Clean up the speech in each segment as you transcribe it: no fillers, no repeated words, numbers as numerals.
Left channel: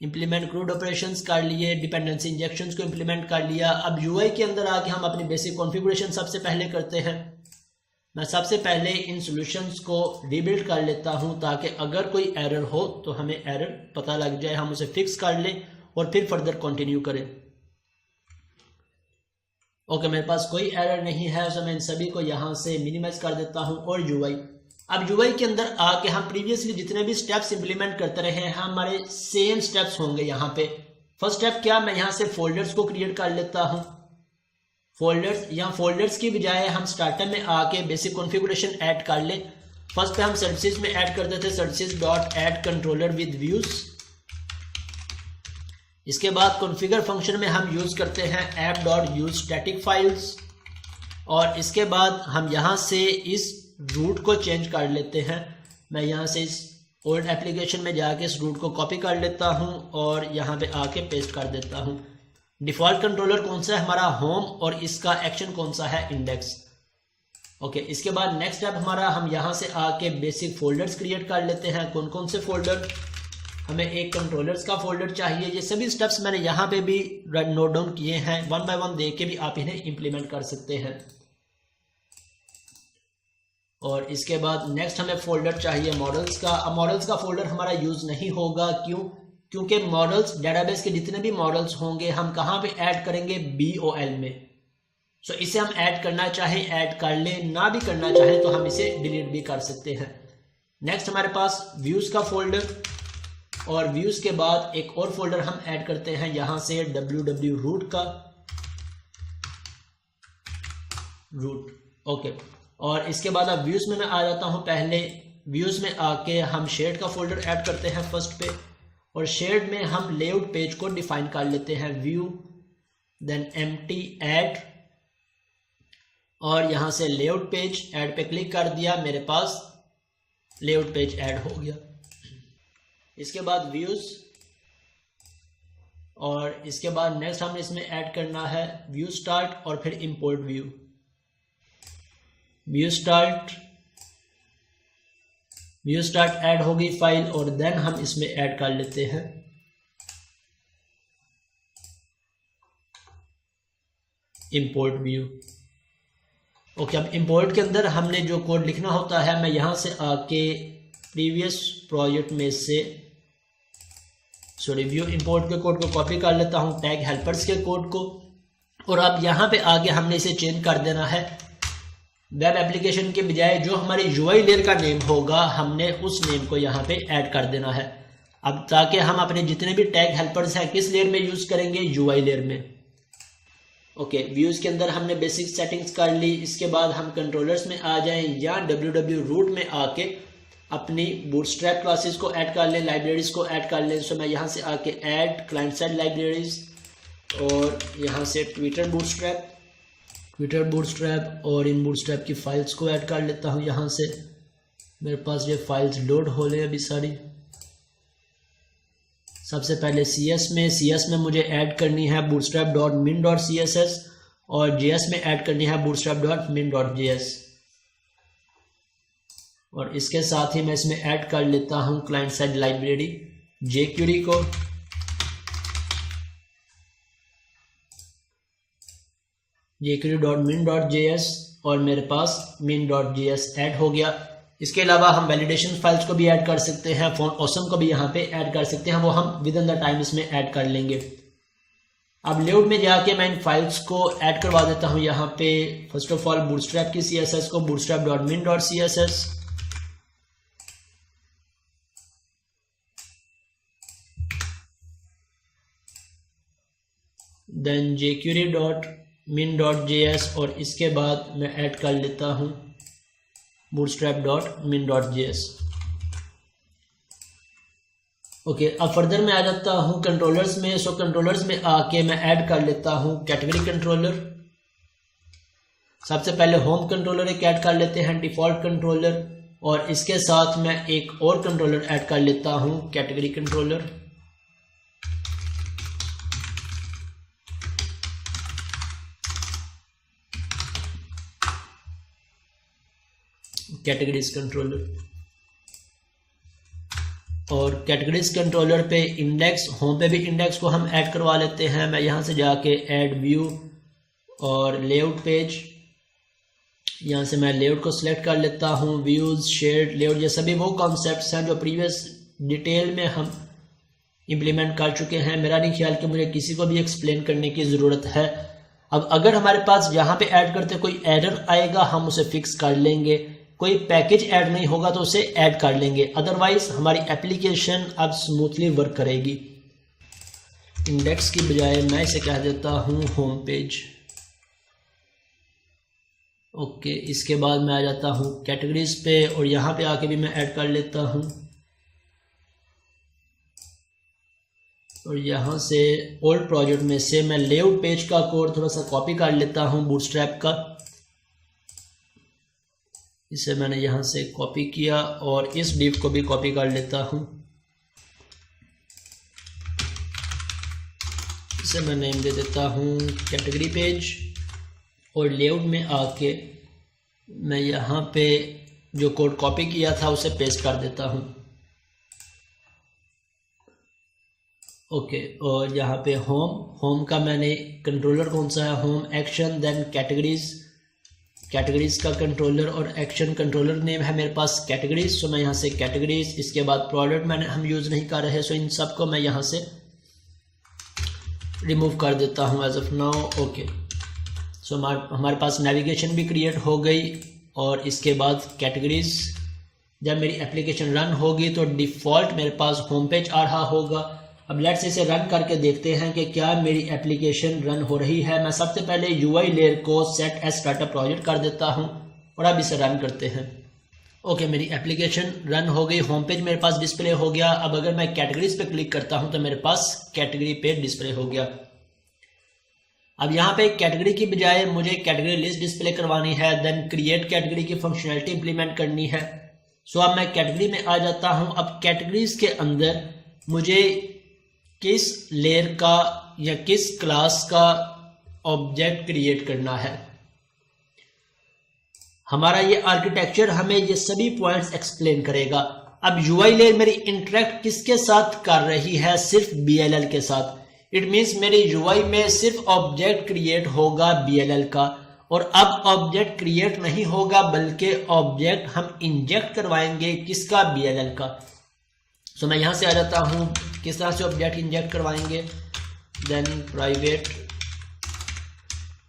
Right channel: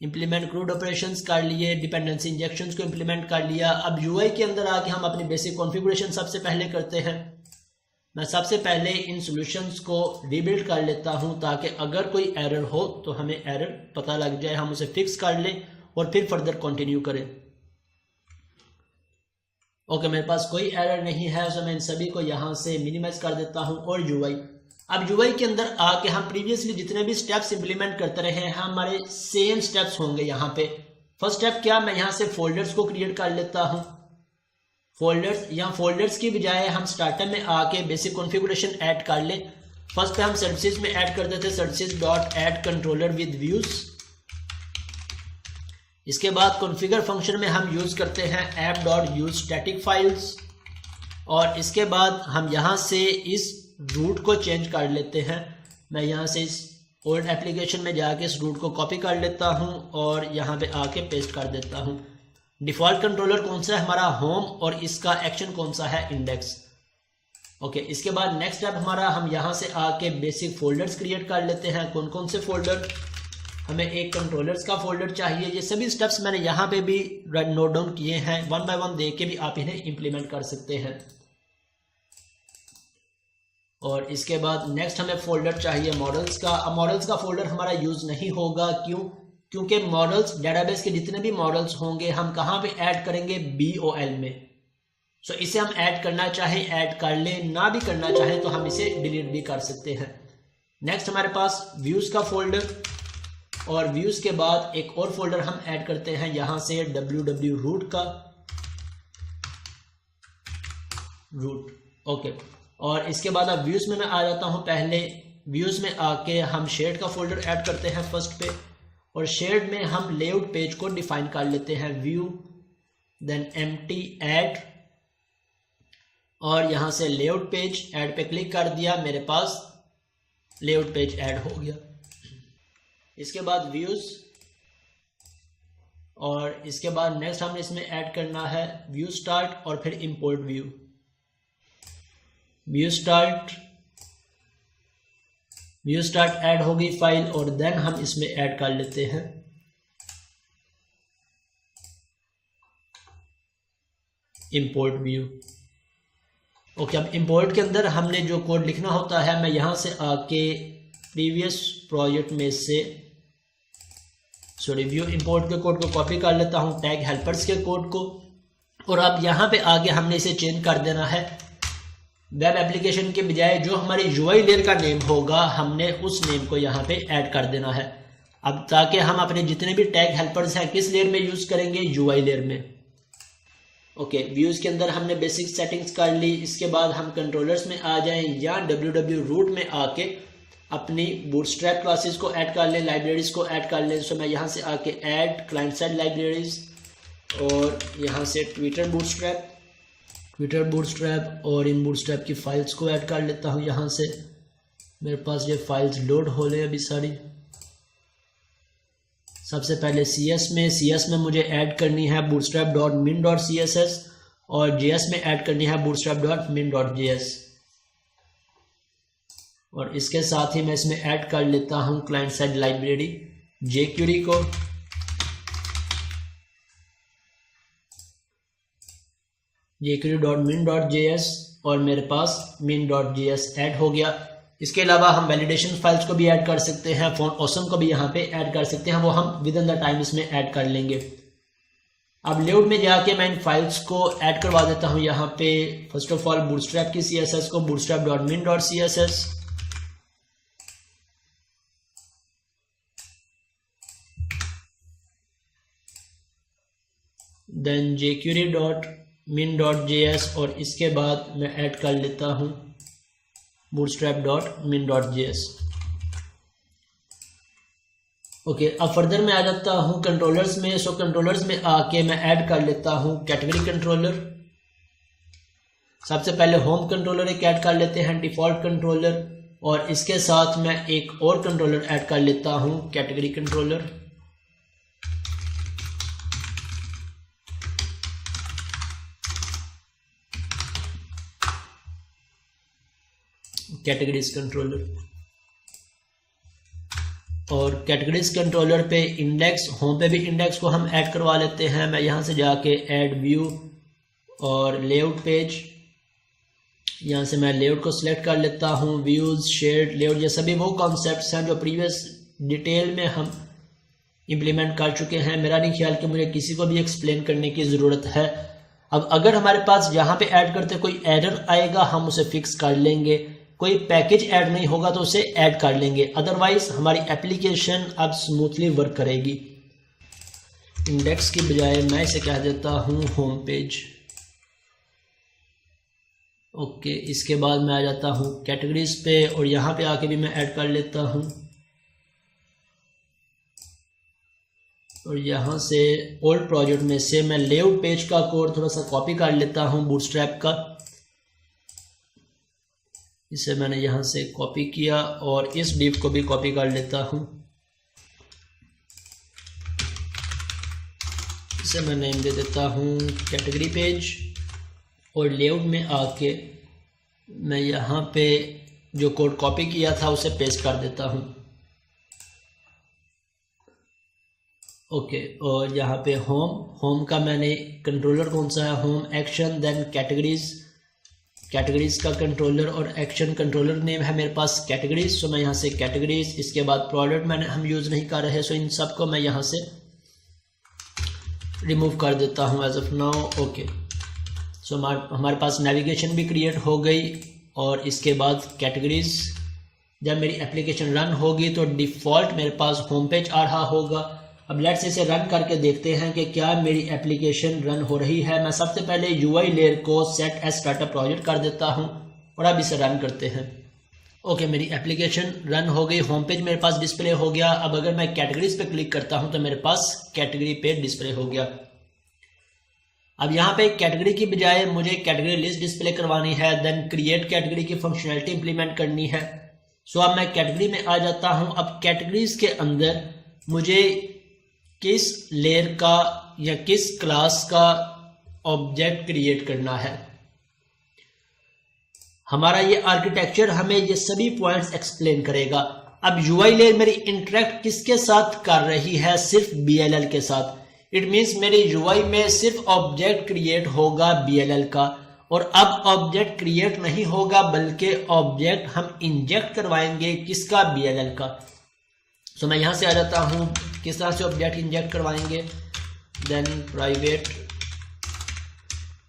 Implement crude operations कर लिए, dependency injections को इम्प्लीमेंट कर लिया। अब यूआई के अंदर आके हम अपनी बेसिक कॉन्फ़िगरेशन सबसे पहले करते हैं। मैं सबसे पहले इन सॉल्यूशंस को रीबिल्ड कर लेता हूं ताकि अगर कोई एरर हो तो हमें एरर पता लग जाए, हम उसे फिक्स कर लें और फिर फर्दर कंटिन्यू करें। ओके, मेरे पास कोई एरर नहीं है, तो मैं इन सभी को यहाँ से मिनिमाइज कर देता हूँ। और यूआई, अब यूआई के अंदर आके हम प्रीवियसली जितने भी स्टेप्स इंप्लीमेंट करते रहे हैं हमारे सेम स्टेप्स होंगे यहाँ पे। फर्स्ट स्टेप क्या, मैं यहाँ से फोल्डर्स को क्रिएट कर लेता हूँ। फोल्डर्स या फोल्डर्स की बजाय हम स्टार्टर में आके बेसिक कॉन्फ़िगरेशन ऐड कर ले। फर्स्ट पे हम सर्विसेज में ऐड करते थे services dot add controller with views. इसके बाद कॉन्फ़िगर फंक्शन में हम यूज करते हैं app dot use static files. और इसके बाद हम यहाँ से इस रूट को चेंज कर लेते हैं। मैं यहाँ से इस ओल्ड एप्लीकेशन में जाके इस रूट को कॉपी कर लेता हूँ और यहाँ पे आके पेस्ट कर देता हूँ। डिफॉल्ट कंट्रोलर कौन सा है हमारा, होम, और इसका एक्शन कौन सा है, इंडेक्स। ओके, इसके बाद नेक्स्ट स्टेप हमारा, हम यहाँ से आके बेसिक फोल्डर्स क्रिएट कर लेते हैं। कौन कौन से फोल्डर, हमें एक कंट्रोलर्स का फोल्डर चाहिए। ये सभी स्टेप्स मैंने यहाँ पे भी नोट डाउन किए हैं, वन बाय वन देख के भी आप इन्हें इंप्लीमेंट कर सकते हैं। और इसके बाद नेक्स्ट हमें फोल्डर चाहिए मॉडल्स का। अब मॉडल्स का फोल्डर हमारा यूज नहीं होगा, क्यों, क्योंकि मॉडल्स डेटाबेस के जितने भी मॉडल्स होंगे हम कहाँ पे ऐड करेंगे, BOL में। सो इसे हम ऐड करना चाहे ऐड कर ले, ना भी करना चाहे तो हम इसे डिलीट भी कर सकते हैं। नेक्स्ट हमारे पास व्यूज का फोल्डर, और व्यूज के बाद एक और फोल्डर हम ऐड करते हैं यहाँ से www रूट का रूट। ओके, और इसके बाद अब व्यूज में मैं आ जाता हूँ। पहले व्यूज में आके हम शेड का फोल्डर ऐड करते हैं फर्स्ट पे, और शेड में हम लेआउट पेज को डिफाइन कर लेते हैं, व्यू देन एम्प्टी ऐड, और यहां से लेआउट पेज ऐड पे क्लिक कर दिया, मेरे पास लेआउट पेज ऐड हो गया। इसके बाद व्यूज, और इसके बाद नेक्स्ट हमने इसमें ऐड करना है व्यू स्टार्ट और फिर import view. View start add होगी फाइल, और देन हम इसमें ऐड कर लेते हैं इंपोर्ट व्यू। ओके, अब इंपोर्ट के अंदर हमने जो कोड लिखना होता है, मैं यहां से आके प्रीवियस प्रोजेक्ट में से व्यू इंपोर्ट के कोड को कॉपी कर लेता हूं, टैग हेल्पर्स के कोड को, और अब यहां पे आगे हमने इसे चेंज कर देना है। वेब एप्लीकेशन के बजाय जो हमारी यूआई लेयर का नेम होगा हमने उस नेम को यहाँ पे ऐड कर देना है। अब ताकि हम अपने जितने भी टैग हेल्पर्स हैं किस लेयर में यूज करेंगे, यूआई लेयर में। ओके, व्यूज के अंदर हमने बेसिक सेटिंग्स कर ली। इसके बाद हम कंट्रोलर्स में आ जाएं या www रूट में आके अपनी बूटस्ट्रैप क्लासेस को ऐड कर लें, लाइब्रेरीज को ऐड कर लें। सो मैं यहाँ से आके ऐड क्लाइंट साइड लाइब्रेरीज, और यहाँ से ट्विटर बूटस्ट्रैप, और इन बूटस्ट्रैप की फाइल्स को ऐड कर लेता हूँ। यहाँ से मेरे पास ये फाइल्स लोड हो रही है अभी सारी। सबसे पहले CS में मुझे ऐड करनी है bootstrap.min.css, और JS में ऐड करनी है bootstrap.min.js, और इसके साथ ही मैं इसमें ऐड कर लेता हूँ क्लाइंट साइड लाइब्रेरी jQuery को। jQuery.min.js, और मेरे पास min.js ऐड हो गया। इसके अलावा हम वैलिडेशन फाइल्स को भी ऐड कर सकते हैं, फॉन्ट ऑसम को भी यहाँ पे ऐड कर सकते हैं, वो हम विद इन द टाइम इसमें ऐड कर लेंगे। अब लेआउट में जाके मैं इन फाइल्स को ऐड करवा देता हूँ यहाँ पे। फर्स्ट ऑफ ऑल बूटस्ट्रैप की CSS को bootstrap.min.css, देन jQuery.min.js, और इसके बाद मैं ऐड कर लेता हूँ bootstrap.min.js। ओके, अब फर्दर में आ जाता हूँ कंट्रोलर्स में। सो कंट्रोलर्स में आके मैं ऐड कर लेता हूँ कैटेगरी कंट्रोलर। सबसे पहले होम कंट्रोलर एक ऐड कर लेते हैं, डिफॉल्ट कंट्रोलर, और इसके साथ मैं एक और कंट्रोलर ऐड कर लेता हूँ कैटेगरी कंट्रोलर। Categories controller. और कैटेगरीज कंट्रोलर पे इंडेक्स, होम पे भी इंडेक्स को हम ऐड करवा लेते हैं। मैं यहाँ से जाके ऐड व्यू और लेआउट पेज, यहाँ से मैं लेआउट को सिलेक्ट कर लेता हूँ। व्यूज, शेड, लेआउट, ये सभी वो कॉन्सेप्ट्स हैं जो प्रीवियस डिटेल में हम इम्प्लीमेंट कर चुके हैं। मेरा नहीं ख्याल कि मुझे किसी को भी एक्सप्लेन करने की ज़रूरत है। अब अगर हमारे पास यहाँ पे ऐड करते कोई एरर आएगा हम उसे फिक्स कर लेंगे, कोई पैकेज ऐड नहीं होगा तो उसे ऐड कर लेंगे, अदरवाइज हमारी एप्लीकेशन अब स्मूथली वर्क करेगी। इंडेक्स की बजाय मैं इसे कह देता हूँ होम पेज। ओके, इसके बाद मैं आ जाता हूँ कैटेगरीज पे और यहाँ पे आके भी मैं ऐड कर लेता हूँ और यहाँ से ओल्ड प्रोजेक्ट में से मैं लेआउट पेज का कोड थोड़ा सा कॉपी कर लेता हूँ बूटस्ट्रैप का। इसे मैंने यहाँ से कॉपी किया और इस डिव को भी कॉपी कर लेता हूँ। इसे मैं नेम दे देता हूँ कैटेगरी पेज और लेआउट में आके मैं यहाँ पे जो कोड कॉपी किया था उसे पेस्ट कर देता हूँ। ओके, और यहाँ पे होम का मैंने कंट्रोलर कौन सा है, होम एक्शन, देन कैटेगरीज का कंट्रोलर और एक्शन कंट्रोलर नेम है मेरे पास कैटेगरीज, तो मैं यहाँ से कैटेगरीज, इसके बाद प्रोडक्ट हम यूज़ नहीं कर रहे, सो इन सब को मैं यहाँ से रिमूव कर देता हूँ एज ऑफ नाउ। ओके, सो हमारे पास नेविगेशन भी क्रिएट हो गई और इसके बाद कैटेगरीज, जब मेरी एप्लीकेशन रन होगी तो डिफ़ॉल्ट मेरे पास होम पेज आ रहा होगा। अब लेट्स इसे रन करके देखते हैं कि क्या मेरी एप्लीकेशन रन हो रही है। मैं सबसे पहले यूआई लेयर को सेट एज स्टार्टअप प्रोजेक्ट कर देता हूं और अब इसे रन करते हैं। ओके, मेरी एप्लीकेशन रन हो गई, होम पेज मेरे पास डिस्प्ले हो गया। अब अगर मैं कैटेगरीज पे क्लिक करता हूं तो मेरे पास कैटेगरी पेज डिस्प्ले हो गया। अब यहाँ पे कैटेगरी की बजाय मुझे कैटेगरी लिस्ट डिस्प्ले करवानी है, देन क्रिएट कैटेगरी की फंक्शनैलिटी इंप्लीमेंट करनी है। सो अब मैं कैटेगरी में आ जाता हूँ। अब कैटेगरीज के अंदर मुझे किस लेयर का या किस क्लास का ऑब्जेक्ट क्रिएट करना है। हमारा ये आर्किटेक्चर हमें ये सभी पॉइंट्स एक्सप्लेन करेगा। अब यूआई लेयर मेरी इंटरेक्ट किसके साथ कर रही है, सिर्फ बीएलएल के साथ। इट मीन्स मेरे यूआई में सिर्फ ऑब्जेक्ट क्रिएट होगा बीएलएल का, और अब ऑब्जेक्ट क्रिएट नहीं होगा बल्कि ऑब्जेक्ट हम इंजेक्ट करवाएंगे किसका, बीएलएल का। सो मैं यहां से आ जाता हूं, किस तरह से ऑब्जेक्ट इंजेक्ट करवाएंगे, then private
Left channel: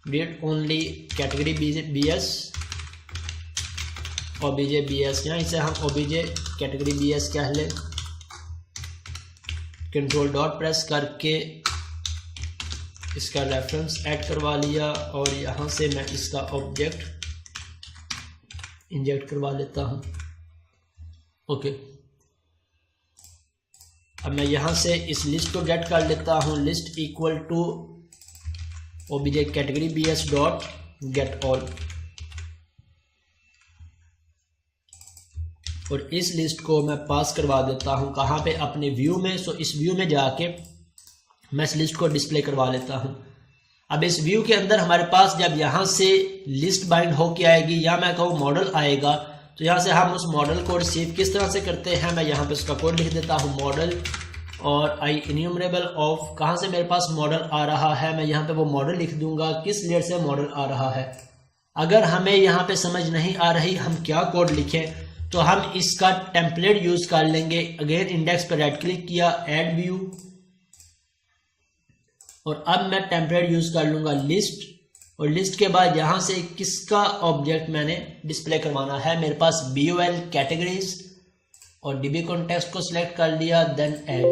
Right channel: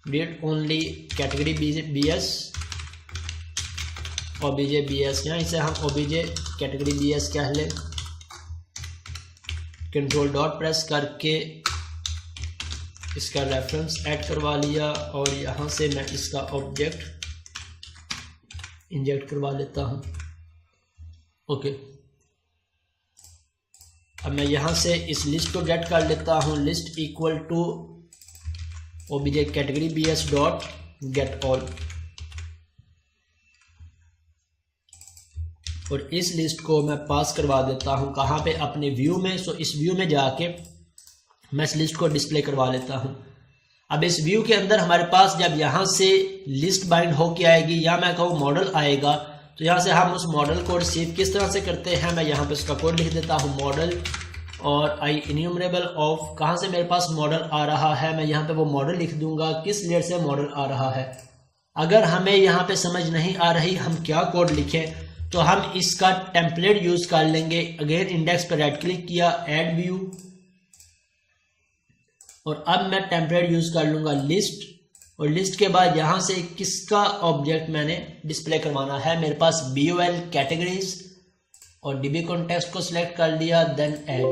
read only category BS OBJ BS, यहाँ इसे हम ओबीजे कैटेगरी बीएस कह लें। कंट्रोल डॉट प्रेस करके इसका रेफरेंस ऐड करवा लिया और यहाँ से मैं इसका ऑब्जेक्ट इंजेक्ट करवा लेता हूँ। ओके, अब मैं यहाँ से इस लिस्ट को गेट कर लेता हूँ, list equal to OBJ category BS dot get all, और इस लिस्ट को मैं पास करवा देता हूँ कहाँ पे, अपने व्यू में। सो इस व्यू में जाके मैं इस लिस्ट को डिस्प्ले करवा लेता हूँ। अब इस व्यू के अंदर हमारे पास जब यहाँ से लिस्ट बाइंड होके आएगी या मैं कहूँ मॉडल आएगा, तो यहाँ से हम उस मॉडल को रिसीव किस तरह से करते हैं, मैं यहाँ पे इसका कोड लिख देता हूँ, मॉडल और आई इन्यूमरेबल ऑफ, कहाँ से मेरे पास मॉडल आ रहा है, मैं यहाँ पे वो मॉडल लिख दूंगा किस लेयर से मॉडल आ रहा है। अगर हमें यहाँ पे समझ नहीं आ रही हम क्या कोड लिखें, तो हम इसका टेम्पलेट यूज कर लेंगे। अगेन इंडेक्स पर राइट क्लिक किया, ऐड व्यू, और अब मैं टेम्पलेट यूज कर लूंगा लिस्ट, और लिस्ट के बाद यहां से किसका ऑब्जेक्ट मैंने डिस्प्ले करवाना है, मेरे पास BOL कैटेगरीज और DB कॉन्टेक्स्ट को सिलेक्ट कर लिया, देन ऐड।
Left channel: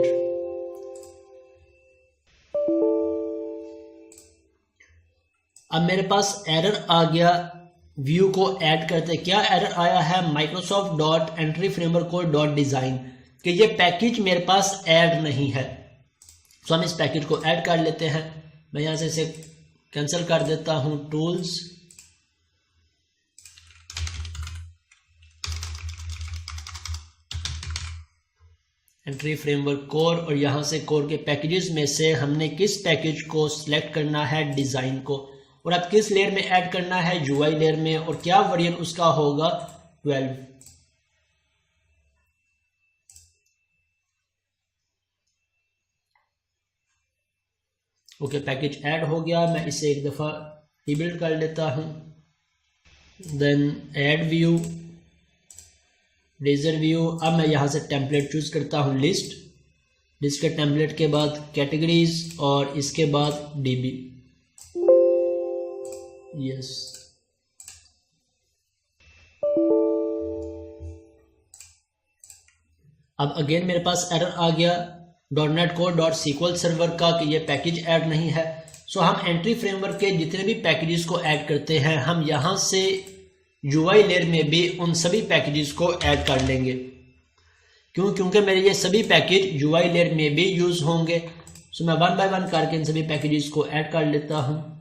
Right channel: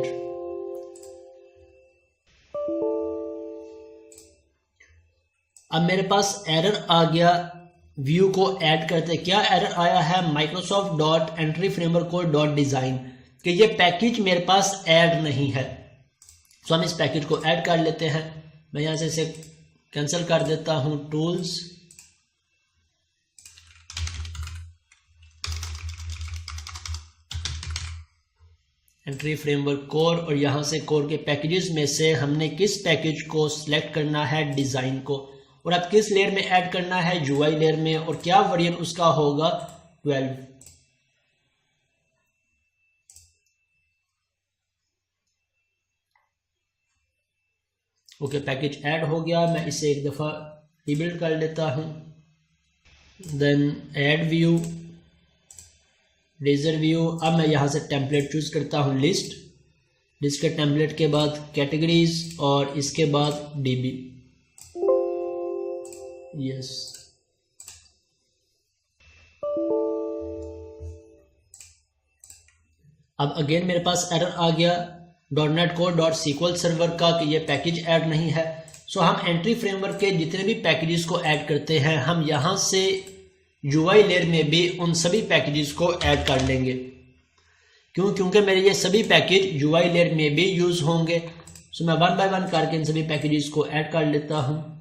अब मेरे पास एरर आ गया व्यू को ऐड करते। क्या एरर आया है, Microsoft dot entry framework code dot design, कि ये पैकेज मेरे पास ऐड नहीं है। तो हम इस पैकेज को ऐड कर लेते हैं। मैं यहां से इसे कैंसिल कर देता हूं, टूल्स, एंट्री फ्रेमवर्क कोर, और यहां से कोर के पैकेजेस में से हमने किस पैकेज को सिलेक्ट करना है, डिजाइन को, और अब किस लेयर में ऐड करना है, यूआई लेयर में, और क्या वेरिएंट उसका होगा, 12। ओके, पैकेज ऐड हो गया। मैं इसे एक दफ़ा रीबिल्ड कर लेता हूँ। Then add view, razor view. अब मैं यहाँ से टेम्पलेट चूज करता हूँ लिस्ट। लिस्ट के टेम्पलेट के बाद कैटेगरीज और इसके बाद डीबी। यस, अब अगेन मेरे पास एरर आ गया .NET Core सर्वर का कि ये पैकेज ऐड नहीं है। सो हम एंट्री फ्रेमवर्क के जितने भी पैकेजेस को ऐड करते हैं, हम यहाँ से UI लेयर में भी उन सभी पैकेजेस को ऐड कर लेंगे। क्योंकि मेरे ये सभी पैकेज UI लेयर में भी यूज होंगे। सो मैं वन बाय वन करके इन सभी पैकेजेस को ऐड कर लेता हूँ।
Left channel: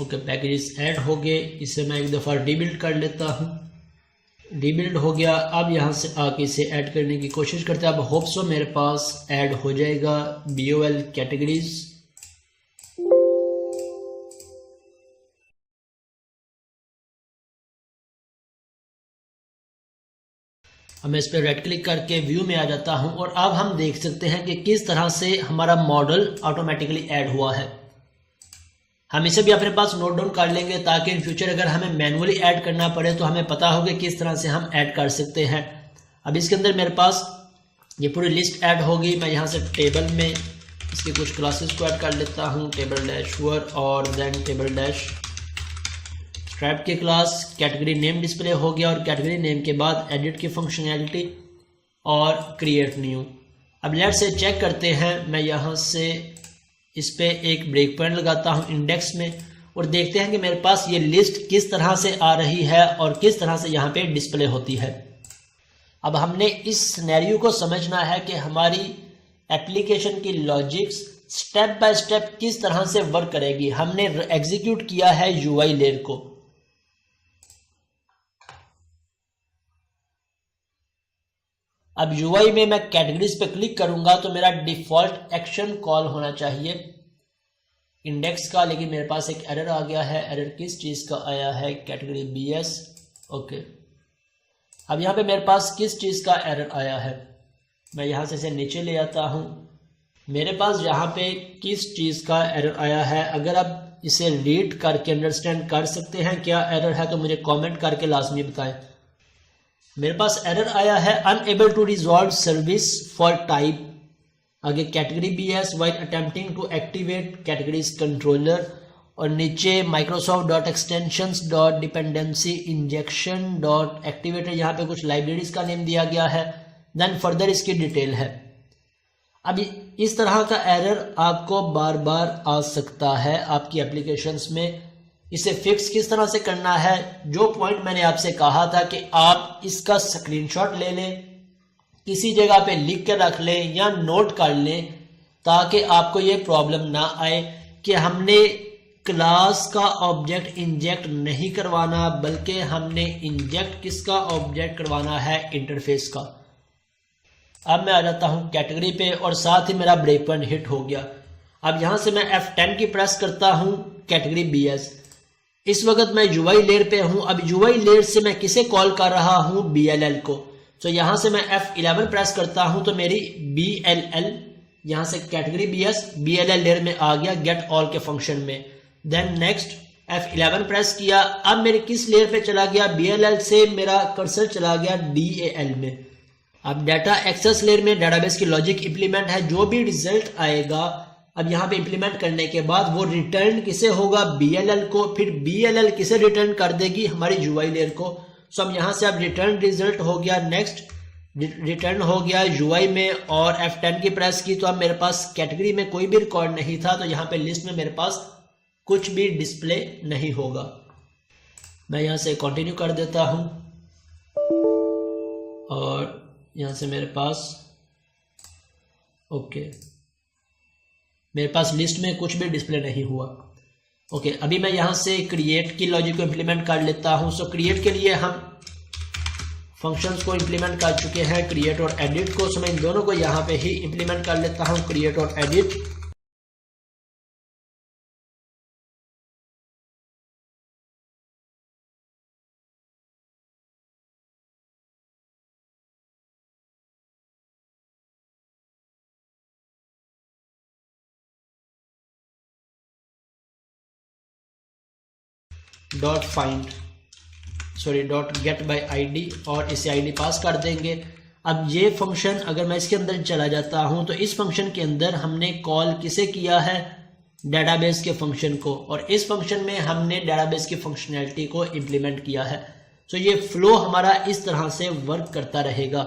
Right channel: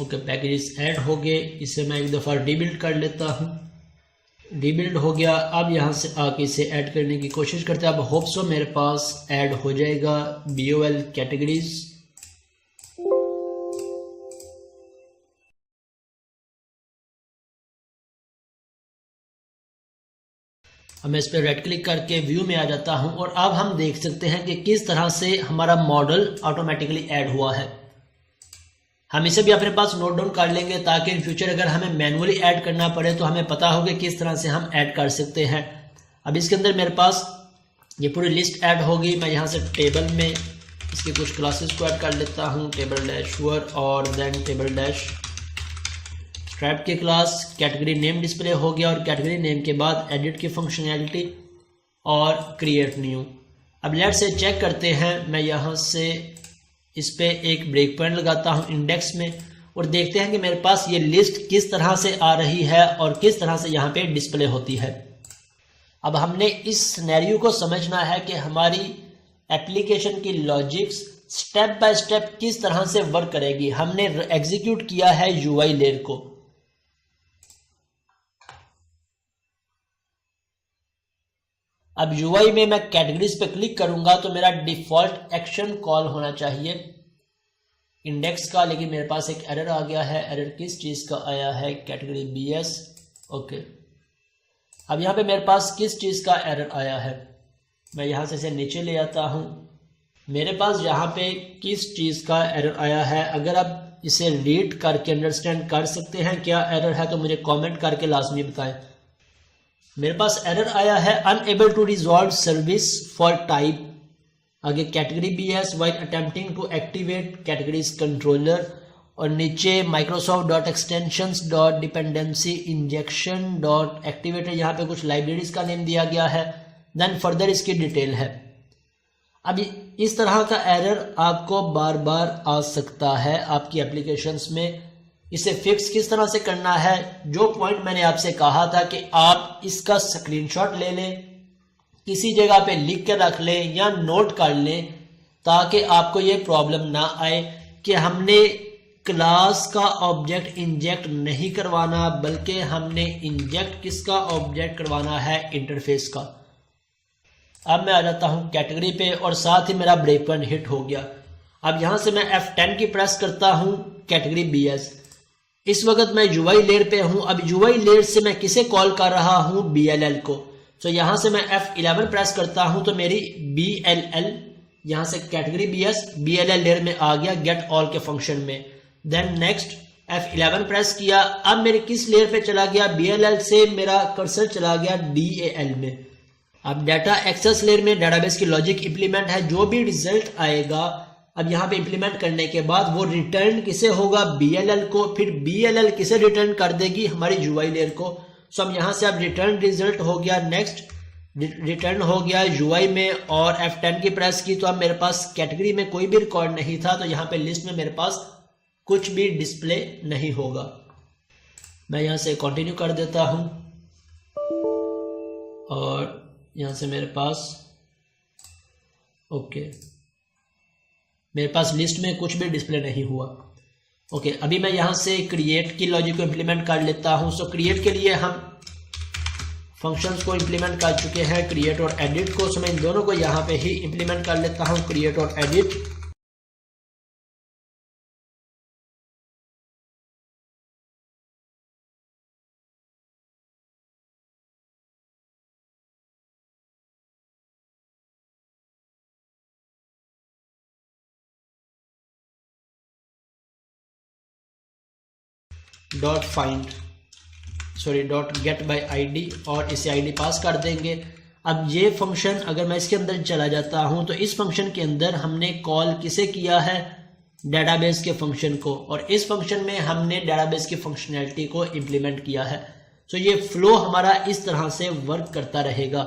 ओके, पैकेजेस ऐड हो गए। इसे मैं एक दफ़ा रीबिल्ड कर लेता हूँ। रीबिल्ड हो गया। अब यहाँ से आके इसे ऐड करने की कोशिश करते हैं। अब होप सो मेरे पास ऐड हो जाएगा BOL कैटेगरीज। अब मैं इस पर राइट क्लिक करके व्यू में आ जाता हूँ और अब हम देख सकते हैं कि किस तरह से हमारा मॉडल ऑटोमेटिकली ऐड हुआ है। हम इसे भी अपने पास नोट डाउन कर लेंगे ताकि इन फ्यूचर अगर हमें मैनुअली ऐड करना पड़े तो हमें पता होगा किस तरह से हम ऐड कर सकते हैं। अब इसके अंदर मेरे पास ये पूरी लिस्ट ऐड होगी। मैं यहाँ से टेबल में इसकी कुछ क्लासेस को ऐड कर लेता हूँ, टेबल डैश वर और देन टेबल डैश स्ट्रैप की क्लास। कैटेगरी नेम डिस्प्ले हो गया और कैटेगरी नेम के बाद एडिट की फंक्शनैलिटी और क्रिएट न्यू। अब लेट से चेक करते हैं। मैं यहाँ से इस पे एक ब्रेक पॉइंट लगाता हूँ इंडेक्स में और देखते हैं कि मेरे पास ये लिस्ट किस तरह से आ रही है और किस तरह से यहाँ पे डिस्प्ले होती है। अब हमने इस सिनेरियो को समझना है कि हमारी एप्लीकेशन की लॉजिक्स स्टेप बाय स्टेप किस तरह से वर्क करेगी। हमने एग्जीक्यूट किया है UI लेयर को। अब UI में मैं कैटेगरीज पे क्लिक करूंगा तो मेरा डिफॉल्ट एक्शन कॉल होना चाहिए इंडेक्स का, लेकिन मेरे पास एक एरर आ गया है। एरर किस चीज का आया है? Category BS। ओके, अब यहाँ पे मेरे पास किस चीज का एरर आया है? मैं यहाँ से इसे नीचे ले आता हूँ। मेरे पास यहाँ पे किस चीज का एरर आया है? अगर आप इसे रीड करके अंडरस्टैंड कर सकते हैं क्या एरर है तो मुझे कमेंट करके लाजमी बताएं। मेरे पास एरर आया है unable to resolve service for type, आगे category BS while attempting to activate categories controller और नीचे microsoft.extensions.dependency injection.activator। यहाँ पे कुछ लाइब्रेरीज का नेम दिया गया है। देन फर्दर इसकी डिटेल है। अब इस तरह का एरर आपको बार बार आ सकता है आपकी एप्लीकेशंस में। इसे फिक्स किस तरह से करना है? जो पॉइंट मैंने आपसे कहा था कि आप इसका स्क्रीनशॉट ले लें, किसी जगह पे लिख के रख लें या नोट कर लें ताकि आपको ये प्रॉब्लम ना आए कि हमने क्लास का ऑब्जेक्ट इंजेक्ट नहीं करवाना बल्कि हमने इंजेक्ट किसका ऑब्जेक्ट करवाना है? इंटरफेस का। अब मैं आ जाता हूं कैटेगरी पे और साथ ही मेरा ब्रेक पॉइंट हिट हो गया। अब यहां से मैं F10 की प्रेस करता हूं कैटेगरी BS। इस वक्त मैं UI लेयर पे हूं। अब UI लेयर से मैं किसे कॉल कर रहा हूं? BLL को। तो यहां से मैं F11 प्रेस करता हूं तो मेरी BLL यहां से कैटेगरी BS BLL लेयर में आ गया गेट ऑल के फंक्शन में। देन नेक्स्ट F11 प्रेस किया। अब मेरे किस लेयर पे चला गया? BLL से मेरा कर्सर चला गया DAL में। अब डाटा एक्सेस लेयर में डेटाबेस की लॉजिक इंप्लीमेंट है। जो भी रिजल्ट आएगा अब यहाँ पे इंप्लीमेंट करने के बाद वो रिटर्न किसे होगा? BLL को। फिर BLL किसे रिटर्न कर देगी? हमारी UI लेयर को। सो अब यहाँ से अब रिटर्न रिजल्ट हो गया। नेक्स्ट रिटर्न हो गया UI में और F10 की प्रेस की तो अब मेरे पास कैटेगरी में कोई भी रिकॉर्ड नहीं था तो यहाँ पे लिस्ट में मेरे पास कुछ भी डिस्प्ले नहीं होगा। मैं यहाँ से कंटिन्यू कर देता हूँ और यहाँ से मेरे पास ओके मेरे पास लिस्ट में कुछ भी डिस्प्ले नहीं हुआ। ओके, अभी मैं यहाँ से क्रिएट की लॉजिक को इंप्लीमेंट कर लेता हूँ। सो क्रिएट के लिए हम फंक्शंस को इंप्लीमेंट कर चुके हैं, क्रिएट और एडिट को। सो मैं इन दोनों को यहाँ पे ही इंप्लीमेंट कर लेता हूँ, क्रिएट और edit. Dot find dot gate bye ID और इसे आईडी पास कर देंगे। अब ये फंक्शन अगर मैं इसके अंदर चला जाता हूं तो इस फंक्शन के अंदर हमने कॉल किसे किया है, डेटाबेस के फंक्शन को, और इस फंक्शन में हमने डेटाबेस की फंक्शनैलिटी को इम्प्लीमेंट किया है। तो ये फ्लो हमारा इस तरह से वर्क करता रहेगा।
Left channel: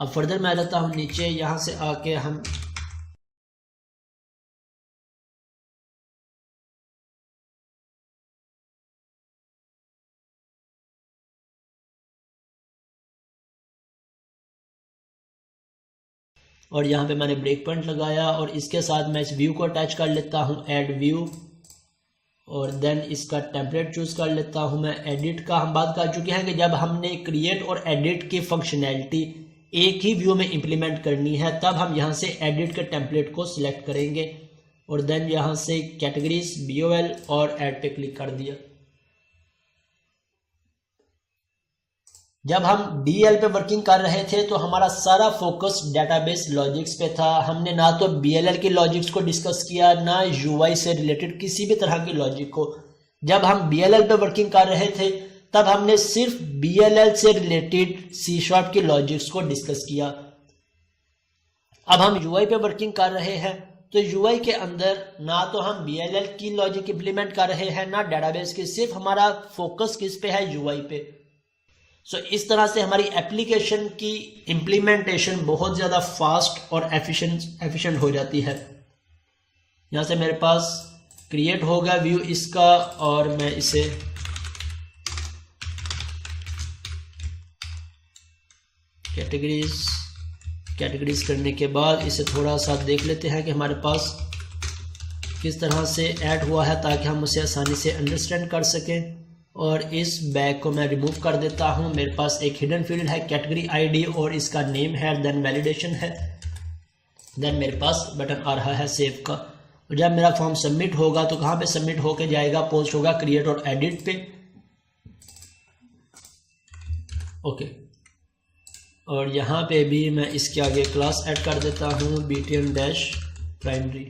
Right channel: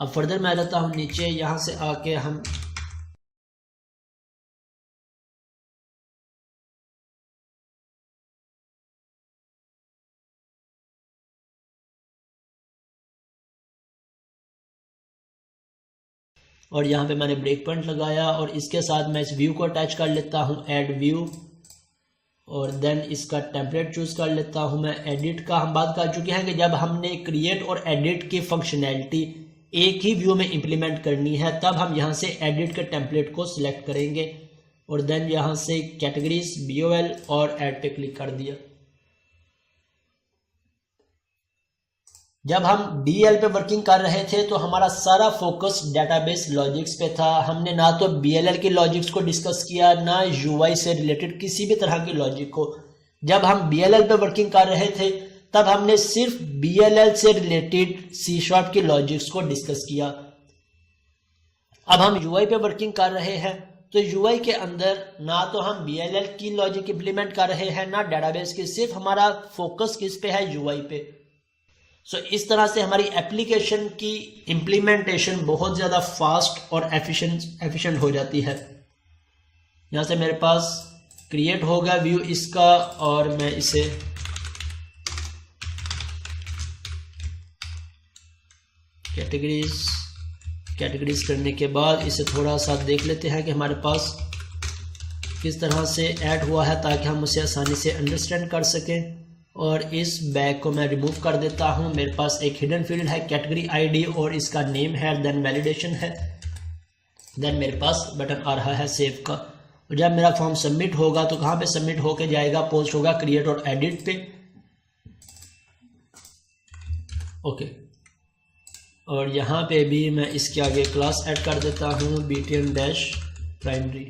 अब फर्दर मैं आ जाता हूं नीचे, यहां से आके हम और यहाँ पे मैंने ब्रेक पॉइंट लगाया और इसके साथ मैं इस व्यू को अटैच कर लेता हूँ, ऐड व्यू, और देन इसका टेम्पलेट चूज कर लेता हूँ मैं। एडिट का हम बात कर चुके हैं कि जब हमने क्रिएट और एडिट की फंक्शनैलिटी एक ही व्यू में इंप्लीमेंट करनी है तब हम यहाँ से एडिट के टेम्पलेट को सिलेक्ट करेंगे और देन यहाँ से कैटेगरीज BOL और ऐड पे क्लिक कर दिया। जब हम DL पे वर्किंग कर रहे थे तो हमारा सारा फोकस डेटाबेस लॉजिक्स पे था। हमने ना तो BLL की लॉजिक्स को डिस्कस किया, ना UI से रिलेटेड किसी भी तरह की लॉजिक को। जब हम BLL पे वर्किंग कर रहे थे तब हमने सिर्फ BLL से रिलेटेड C# की लॉजिक्स को डिस्कस किया। अब हम UI पे वर्किंग कर रहे हैं तो UI के अंदर ना तो हम BLL की लॉजिक इंप्लीमेंट कर रहे हैं ना डेटाबेस की, सिर्फ हमारा फोकस किस पे है, UI पे। सो इस तरह से हमारी एप्लीकेशन की इम्प्लीमेंटेशन बहुत ज़्यादा फास्ट और एफिशिएंट हो जाती है। यहाँ से मेरे पास क्रिएट होगा व्यू इसका और मैं इसे कैटेगरीज करने के बाद इसे थोड़ा सा देख लेते हैं कि हमारे पास किस तरह से ऐड हुआ है ताकि हम उसे आसानी से अंडरस्टैंड कर सकें। और इस बैग को मैं रिमूव कर देता हूं। मेरे पास एक हिडन फील्ड है कैटेगरी आईडी और इसका नेम है, देन वैलिडेशन है, देन मेरे पास बटन आ रहा है सेव का। और जब मेरा फॉर्म सबमिट होगा तो कहां पे सबमिट होके जाएगा, पोस्ट होगा क्रिएट और एडिट पे। ओके, और यहाँ पे भी मैं इसके आगे क्लास ऐड कर देता हूँ btm-primary।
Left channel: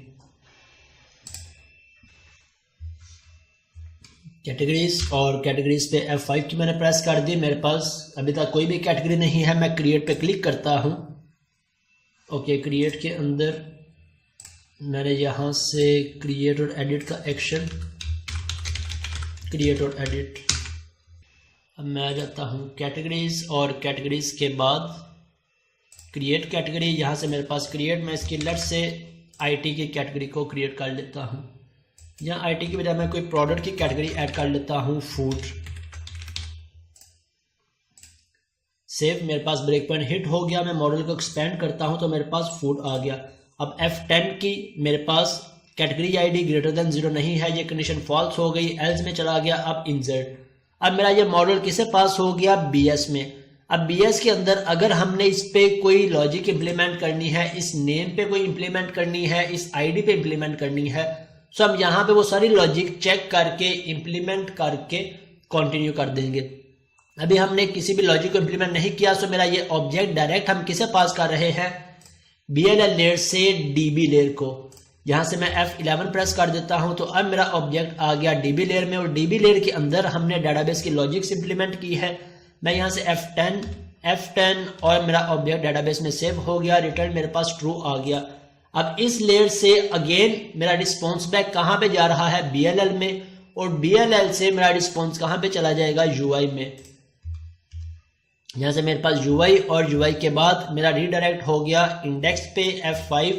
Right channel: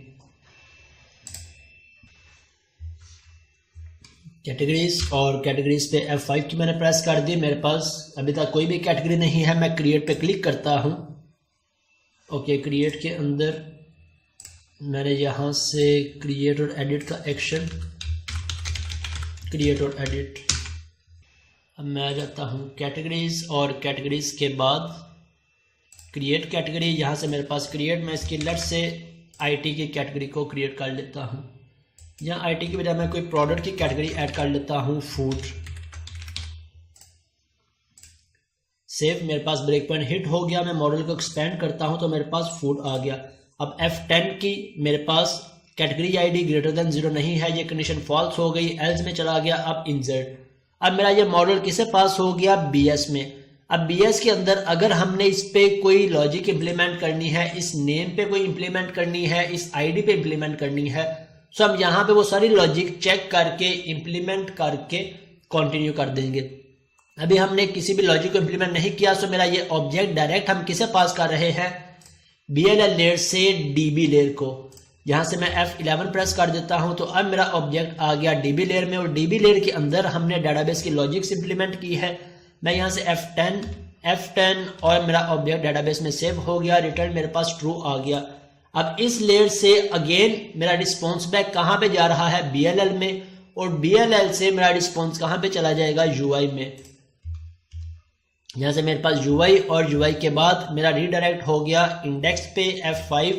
कैटेगरीज और कैटेगरीज पे F5 की मैंने प्रेस कर दी। मेरे पास अभी तक कोई भी कैटेगरी नहीं है। मैं क्रिएट पे क्लिक करता हूँ। ओके, क्रिएट के अंदर मैंने यहाँ से क्रिएट और एडिट का एक्शन, क्रिएट और एडिट। अब मैं आ जाता हूँ कैटेगरीज और कैटेगरीज के बाद क्रिएट कैटेगरी। यहाँ से मेरे पास क्रिएट, मैं इसकी लेफ्ट से IT की कैटेगरी को क्रिएट कर लेता हूँ। यहाँ IT की बजाय मैं कोई प्रोडक्ट की कैटेगरी ऐड कर लेता हूँ, फूड। सेव, मेरे पास ब्रेक पॉइंट हिट हो गया। मैं मॉडल को एक्सपेंड करता हूँ तो मेरे पास फूड आ गया। अब F10 की मेरे पास कैटेगरी आईडी ग्रेटर देन 0 नहीं है, ये कंडीशन फॉल्स हो गई, एल्स में चला गया। अब इंसर्ट, अब मेरा ये मॉडल किसे पास हो गया, BS में। अब BS के अंदर अगर हमने इस पे कोई लॉजिक इंप्लीमेंट करनी है, इस नेम पे कोई इंप्लीमेंट करनी है, इस आईडी पे इंप्लीमेंट करनी है, तो हम यहाँ पे वो सारी लॉजिक चेक करके इंप्लीमेंट करके कंटिन्यू कर देंगे। अभी हमने किसी भी लॉजिक को इंप्लीमेंट नहीं किया, तो मेरा ये ऑब्जेक्ट डायरेक्ट हम किसे पास कर रहे हैं, BLL लेयर से DB लेयर को। यहाँ से मैं F11 प्रेस कर देता हूँ तो अब मेरा ऑब्जेक्ट आ गया DB लेयर में, और DB लेयर के अंदर हमने डेटाबेस की लॉजिक्स इंप्लीमेंट की है। मैं यहाँ से F10 और मेरा ऑब्जेक्ट डेटाबेस में सेव हो गया। रिटर्न मेरे पास ट्रू आ गया। अब इस लेयर से अगेन मेरा रिस्पॉन्स बैक कहाँ पे जा रहा है, BLL में, और BLL से मेरा रिस्पॉन्स कहाँ पे चला जाएगा, UI में। यहाँ से मेरे पास UI और UI के बाद मेरा रीडायरेक्ट हो गया इंडेक्स पे F5,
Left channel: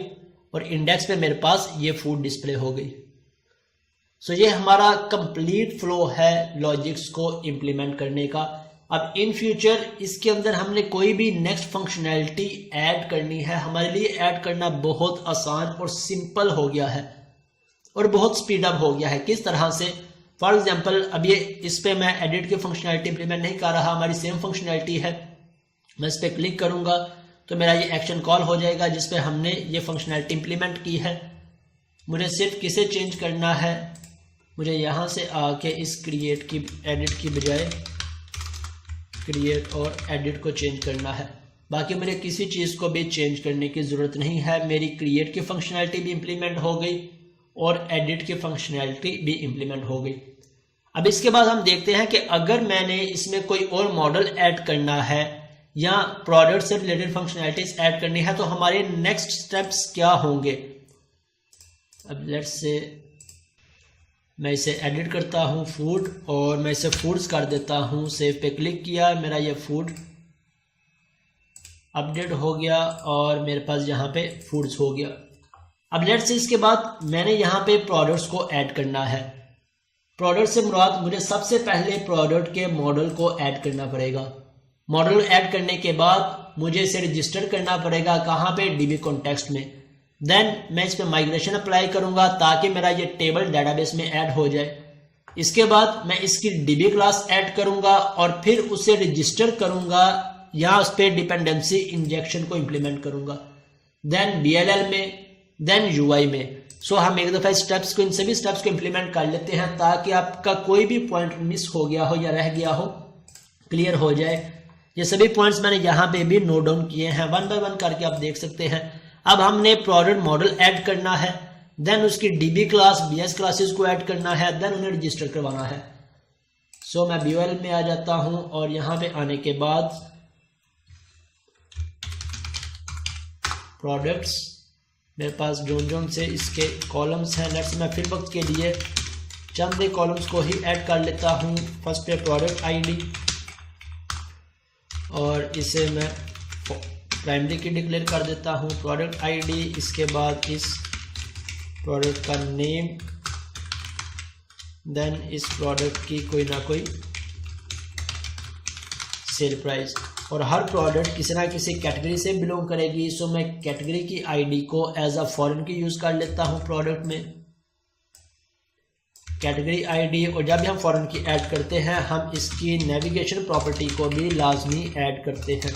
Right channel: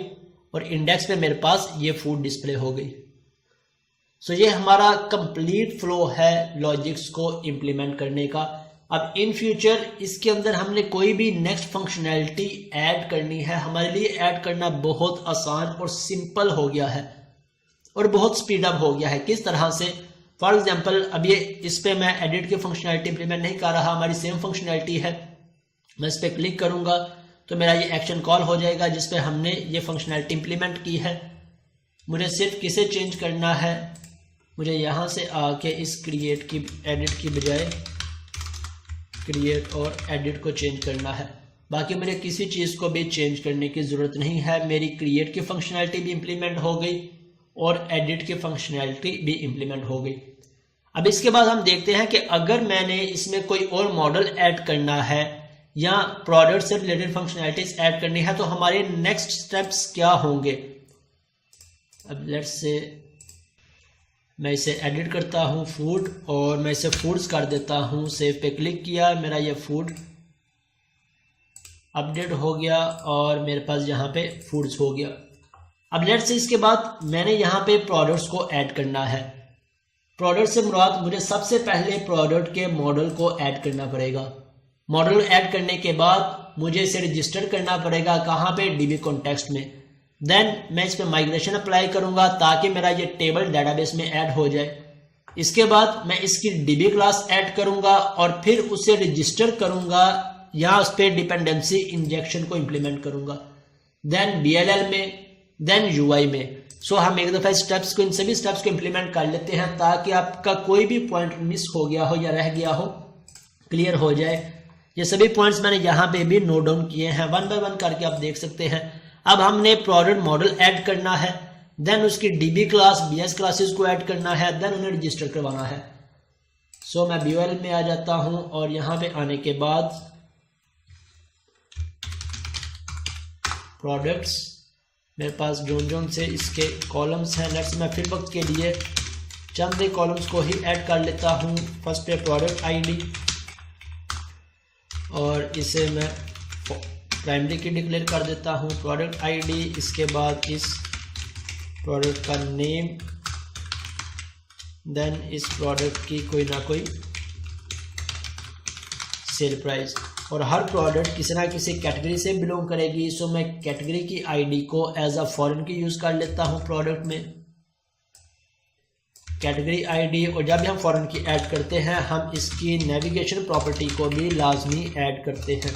और इंडेक्स पे मेरे पास ये फूड डिस्प्ले हो गई। सो ये हमारा कंप्लीट फ्लो है लॉजिक्स को इंप्लीमेंट करने का। अब इन फ्यूचर इसके अंदर हमने कोई भी नेक्स्ट फंक्शनैलिटी ऐड करनी है, हमारे लिए ऐड करना बहुत आसान और सिंपल हो गया है और बहुत स्पीड अप हो गया है। किस तरह से, फॉर एग्जांपल अब ये इस पे मैं एडिट की फंक्शनैलिटी इंप्लीमेंट नहीं कर रहा, हमारी सेम फंक्शनैलिटी है। मैं इस पर क्लिक करूंगा तो मेरा ये एक्शन कॉल हो जाएगा जिसपे हमने ये फंक्शनैलिटी इंप्लीमेंट की है। मुझे सिर्फ किसे चेंज करना है, मुझे यहाँ से आके इस क्रिएट की एडिट की बजाय क्रिएट और एडिट को चेंज करना है। बाकी मुझे किसी चीज़ को भी चेंज करने की ज़रूरत नहीं है। मेरी क्रिएट की फंक्शनैलिटी भी इंप्लीमेंट हो गई और एडिट की फंक्शनैलिटी भी इंप्लीमेंट हो गई। अब इसके बाद हम देखते हैं कि अगर मैंने इसमें कोई और मॉडल ऐड करना है या प्रोडक्ट से रिलेटेड फंक्शनैलिटीज ऐड करनी है तो हमारे नेक्स्ट स्टेप्स क्या होंगे। अब लेट्स से मैं इसे एडिट करता हूँ फूड, और मैं इसे फूड्स कर देता हूँ। सेव पे क्लिक किया, मेरा ये फूड अपडेट हो गया और मेरे पास यहाँ पे फूड्स हो गया। अब लेट्स से इसके बाद मैंने यहाँ पे प्रोडक्ट्स को ऐड करना है। प्रोडक्ट से मुराद मुझे सबसे पहले प्रोडक्ट के मॉडल को ऐड करना पड़ेगा। मॉडल ऐड करने के बाद मुझे इसे रजिस्टर करना पड़ेगा, कहाँ पे, डीबी कॉन्टेक्स्ट में। देन मैं इस पर माइग्रेशन अप्लाई करूंगा ताकि मेरा ये टेबल डेटाबेस में ऐड हो जाए। इसके बाद मैं इसकी डीबी क्लास ऐड करूंगा और फिर उसे रजिस्टर करूंगा या उस पर डिपेंडेंसी इंजेक्शन को इंप्लीमेंट करूंगा, देन DLL में, देन UI में। सो हम एक दफा स्टेप्स को, इन सभी स्टेप्स को इंप्लीमेंट कर लेते हैं ताकि आपका कोई भी पॉइंट मिस हो गया हो या रह गया हो क्लियर हो जाए। ये सभी पॉइंट्स मैंने यहाँ पे भी नोट डाउन किए हैं, वन बाय वन करके आप देख सकते हैं। अब हमने प्रोडक्ट मॉडल ऐड करना है, देन उसकी DB क्लास, BS क्लासेस को ऐड करना है, देन उन्हें रजिस्टर करवाना है। सो मैं BOL में आ जाता हूँ और यहाँ पे आने के बाद प्रोडक्ट्स, मेरे पास जोन से इसके कॉलम्स हैं। लेट्स मैं फिर वक्त के लिए चंद कॉलम्स को ही ऐड कर लेता हूँ। फर्स्ट पे प्रोडक्ट ID और इसे मैं प्राइमरी की डिक्लेयर कर देता हूँ, प्रोडक्ट ID। इसके बाद इस प्रोडक्ट का नेम, देन इस प्रोडक्ट की कोई ना कोई सेल प्राइस, और हर प्रोडक्ट किसी ना किसी कैटेगरी से बिलोंग करेगी। सो मैं कैटेगरी की ID को एज अ फॉरेन की यूज कर लेता हूँ प्रोडक्ट में, कैटेगरी ID। और जब भी हम फॉरेन की ऐड करते हैं हम इसकी नेविगेशन प्रॉपर्टी को भी लाजमी ऐड करते हैं,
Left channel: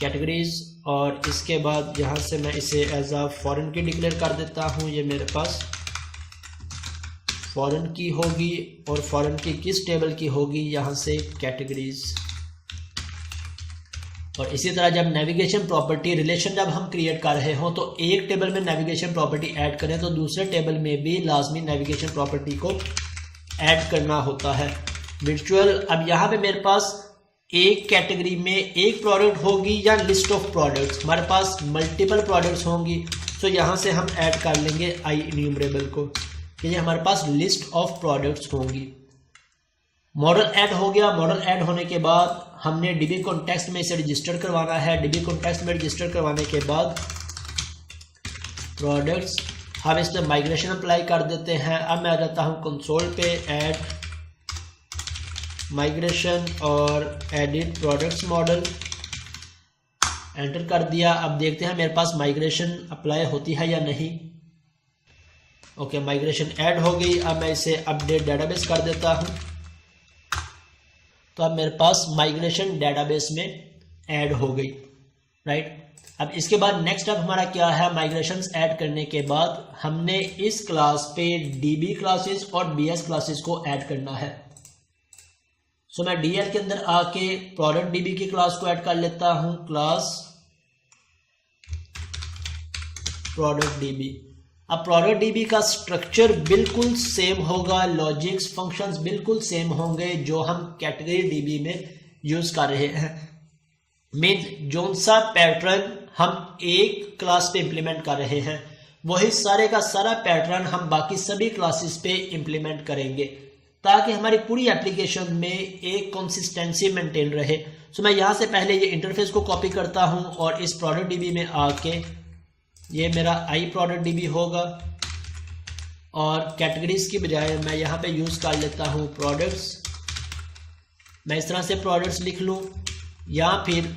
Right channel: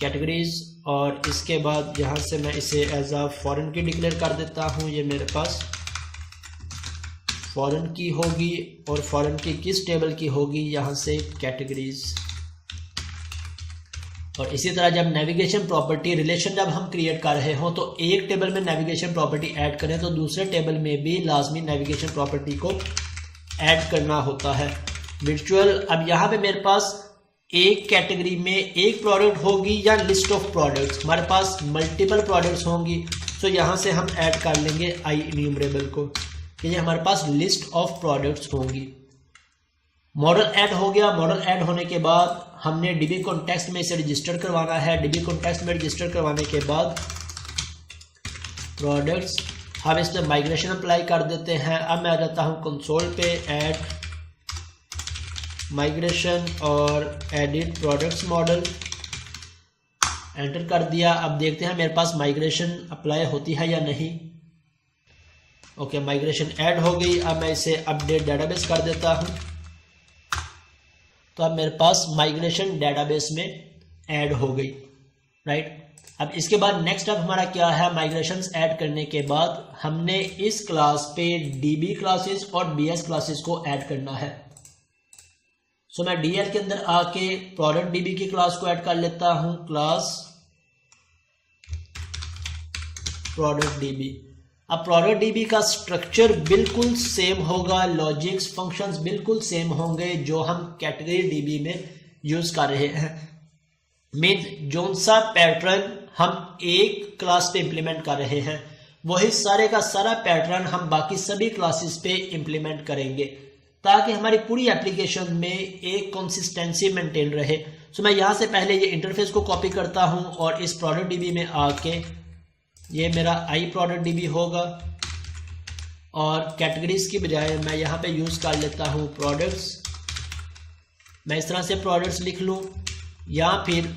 कैटेगरीज। और इसके बाद यहाँ से मैं इसे एज अ फॉरेन की डिक्लेयर कर देता हूँ। ये मेरे पास फॉरेन की होगी, और फॉरेन की किस टेबल की होगी, यहाँ से कैटेगरीज। और इसी तरह जब नेविगेशन प्रॉपर्टी रिलेशन जब हम क्रिएट कर रहे हो तो एक टेबल में नेविगेशन प्रॉपर्टी ऐड करें तो दूसरे टेबल में भी लाजमी नेविगेशन प्रॉपर्टी को ऐड करना होता है। वर्चुअल, अब यहाँ पे मेरे पास एक कैटेगरी में एक प्रोडक्ट होगी या लिस्ट ऑफ प्रोडक्ट्स, हमारे पास मल्टीपल प्रोडक्ट्स होंगी। तो यहाँ से हम ऐड कर लेंगे आई इन्यूमरेबल को, कि ये हमारे पास लिस्ट ऑफ प्रोडक्ट्स होंगी। मॉडल ऐड हो गया। मॉडल ऐड होने के बाद हमने DB कॉन्टेक्स्ट में इसे रजिस्टर करवाना है। DB कॉन्टेक्स्ट में रजिस्टर करवाने के बाद प्रोडक्ट्स, हम इस पर माइग्रेशन अप्लाई कर देते हैं। अब मैं आ जाता हूँ कंसोल पे, ऐड माइग्रेशन और एडिट प्रोडक्ट्स मॉडल, एंटर कर दिया। अब देखते हैं मेरे पास माइग्रेशन अप्लाई होती है या नहीं। ओके, माइग्रेशन ऐड हो गई। अब मैं इसे अपडेट डेटाबेस कर देता हूँ, तो अब मेरे पास माइग्रेशन डेटाबेस में ऐड हो गई, राइट। अब इसके बाद नेक्स्ट अब हमारा क्या है, माइग्रेशंस ऐड करने के बाद हमने इस क्लास पे DB क्लासेस और BS क्लासेस को ऐड करना है। सो मैं DL के अंदर आके प्रोडक्ट DB की क्लास को ऐड कर लेता हूं, क्लास प्रोडक्ट DB। अब प्रोडक्ट DB का स्ट्रक्चर बिल्कुल सेम होगा, लॉजिक्स फंक्शंस बिल्कुल सेम होंगे जो हम कैटेगरी DB में यूज कर रहे हैं। मीन जो सा पैटर्न हम एक क्लास पे इंप्लीमेंट कर रहे हैं वही सारे का सारा पैटर्न हम बाकी सभी क्लासेस पे इंप्लीमेंट करेंगे ताकि हमारी पूरी एप्लीकेशन में एक कंसिस्टेंसी मेंटेन रहे। सो मैं यहाँ से पहले ये इंटरफेस को कॉपी करता हूँ और इस प्रोडक्ट DB में आके ये मेरा आई प्रोडक्ट DB होगा और कैटेगरीज की बजाय मैं यहाँ पे यूज कर लेता हूँ प्रोडक्ट्स। मैं इस तरह से प्रोडक्ट्स लिख लूँ, या फिर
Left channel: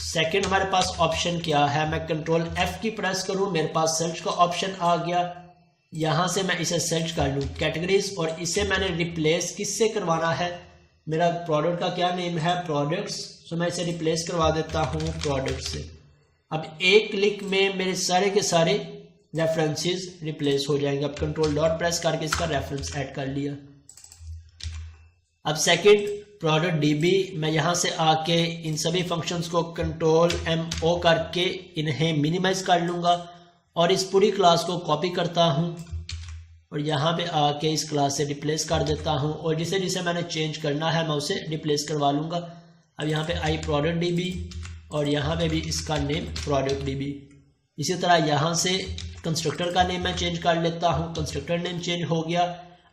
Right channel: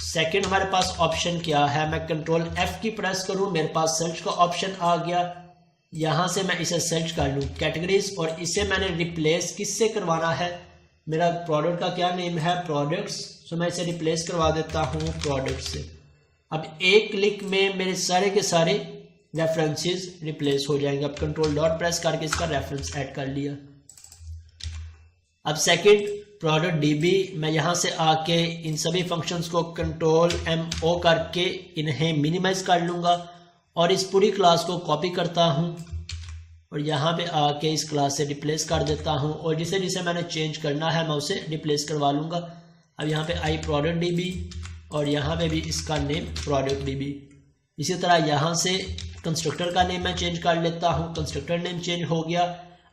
सेकंड हमारे पास ऑप्शन क्या है, मैं कंट्रोल F की प्रेस करूँ, मेरे पास सर्च का ऑप्शन आ गया। यहाँ से मैं इसे सर्च कर लूँ कैटेगरीज, और इसे मैंने रिप्लेस किससे करवाना है, मेरा प्रोडक्ट का क्या नेम है, प्रोडक्ट्स। सो मैं इसे रिप्लेस करवा देता हूँ प्रोडक्ट से। अब एक क्लिक में मेरे सारे के सारे रेफरेंसेस रिप्लेस हो जाएंगे। अब कंट्रोल डॉट प्रेस करके इसका रेफरेंस ऐड कर लिया। अब सेकंड प्रोडक्ट DB, मैं यहाँ से आके इन सभी फंक्शंस को कंट्रोल MO करके इन्हें मिनिमाइज कर लूँगा और इस पूरी क्लास को कॉपी करता हूँ और यहाँ पे आके इस क्लास से रिप्लेस कर देता हूँ और जिसे जिसे मैंने चेंज करना है मैं उसे रिप्लेस करवा लूँगा। अब यहाँ पे आई प्रोडक्ट डीबी और यहाँ पे भी इसका नेम प्रोडक्ट डीबी। इसी तरह यहाँ से कंस्ट्रक्टर का नेम मैं चेंज कर लेता हूँ, कंस्ट्रक्टर नेम चेंज हो गया।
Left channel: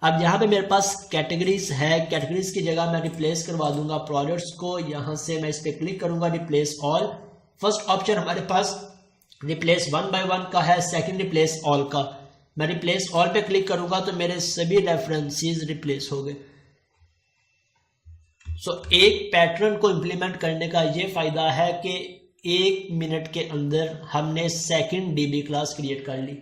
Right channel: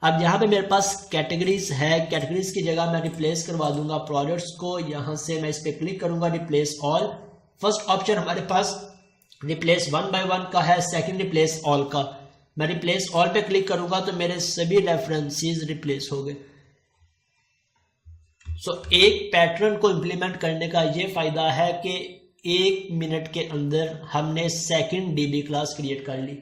अब यहाँ पे मेरे पास कैटेगरीज है, कैटेगरीज की जगह मैं रिप्लेस करवा दूंगा प्रोडक्ट्स को। यहाँ से मैं इस पर क्लिक करूंगा, रिप्लेस ऑल। फर्स्ट ऑप्शन हमारे पास रिप्लेस 1 by 1 का है, सेकंड रिप्लेस ऑल का। मैं रिप्लेस ऑल पे क्लिक करूंगा तो मेरे सभी रेफरेंसेस रिप्लेस हो गए। एक पैटर्न को इम्प्लीमेंट करने का ये फायदा है कि 1 मिनट के अंदर हमने सेकंड डीबी क्लास क्रिएट कर ली।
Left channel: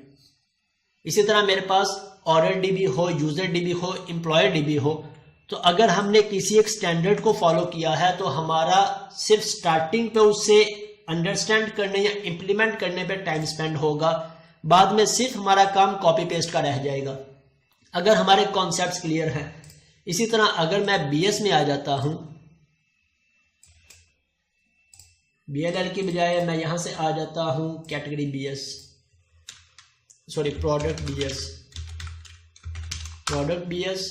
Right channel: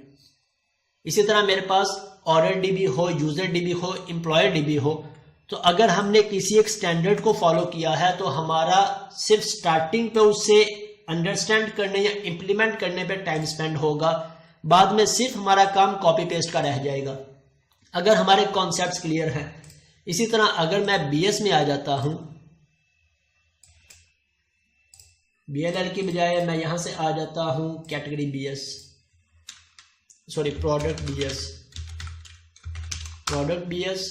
इसी तरह मेरे पास ऑर्डर डीबी हो, यूजर डीबी हो, एम्प्लॉयर डीबी हो, तो अगर हमने किसी एक स्टैंडर्ड को फॉलो किया है तो हमारा सिर्फ स्टार्टिंग पे उससे अंडरस्टैंड करने या इम्प्लीमेंट करने पे टाइम स्पेंड होगा, बाद में सिर्फ हमारा काम कॉपी पेस्ट का रह जाएगा अगर हमारे कॉन्सेप्ट्स क्लियर हैं। इसी तरह अगर मैं बीएस में आ जाता हूं, बीएलएल की बजाय मैं यहां से आ जाता हूं category BS, sorry product BS, product BS,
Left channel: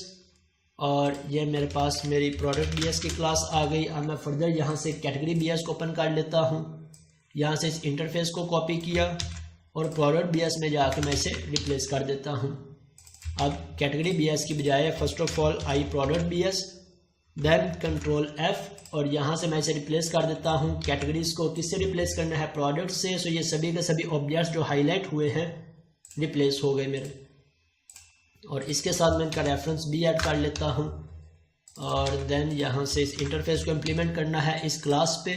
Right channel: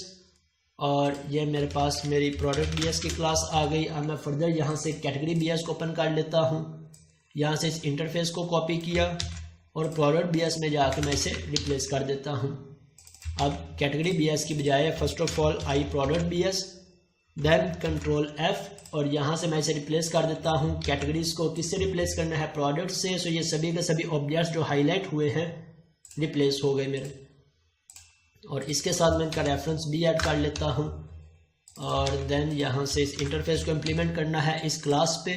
और ये मेरे पास मेरी प्रोडक्ट बीएस की क्लास आ गई। अब मैं फर्दर यहाँ से कैटेगरी बीएस को ओपन कर लेता हूँ, यहाँ से इस इंटरफेस को कॉपी किया और प्रोडक्ट बीएस में जाके मैं इसे रिप्लेस कर देता हूँ। अब कैटेगरी बीएस की बजाय first of all I product BS, then control F और यहाँ से मैं इसे रिप्लेस कर देता हूँ। कैटेगरीज को किससे रिप्लेस करना है? प्रोडक्ट से। सो ये सभी के सभी ऑब्जेक्ट्स जो हाईलाइट हुए हैं रिप्लेस हो गए मेरे, और इसके साथ मैं इनका रेफरेंस भी ऐड कर लेता हूँ। और देन यहाँ से इस इंटरफेस को इम्प्लीमेंट करना है इस क्लास पे,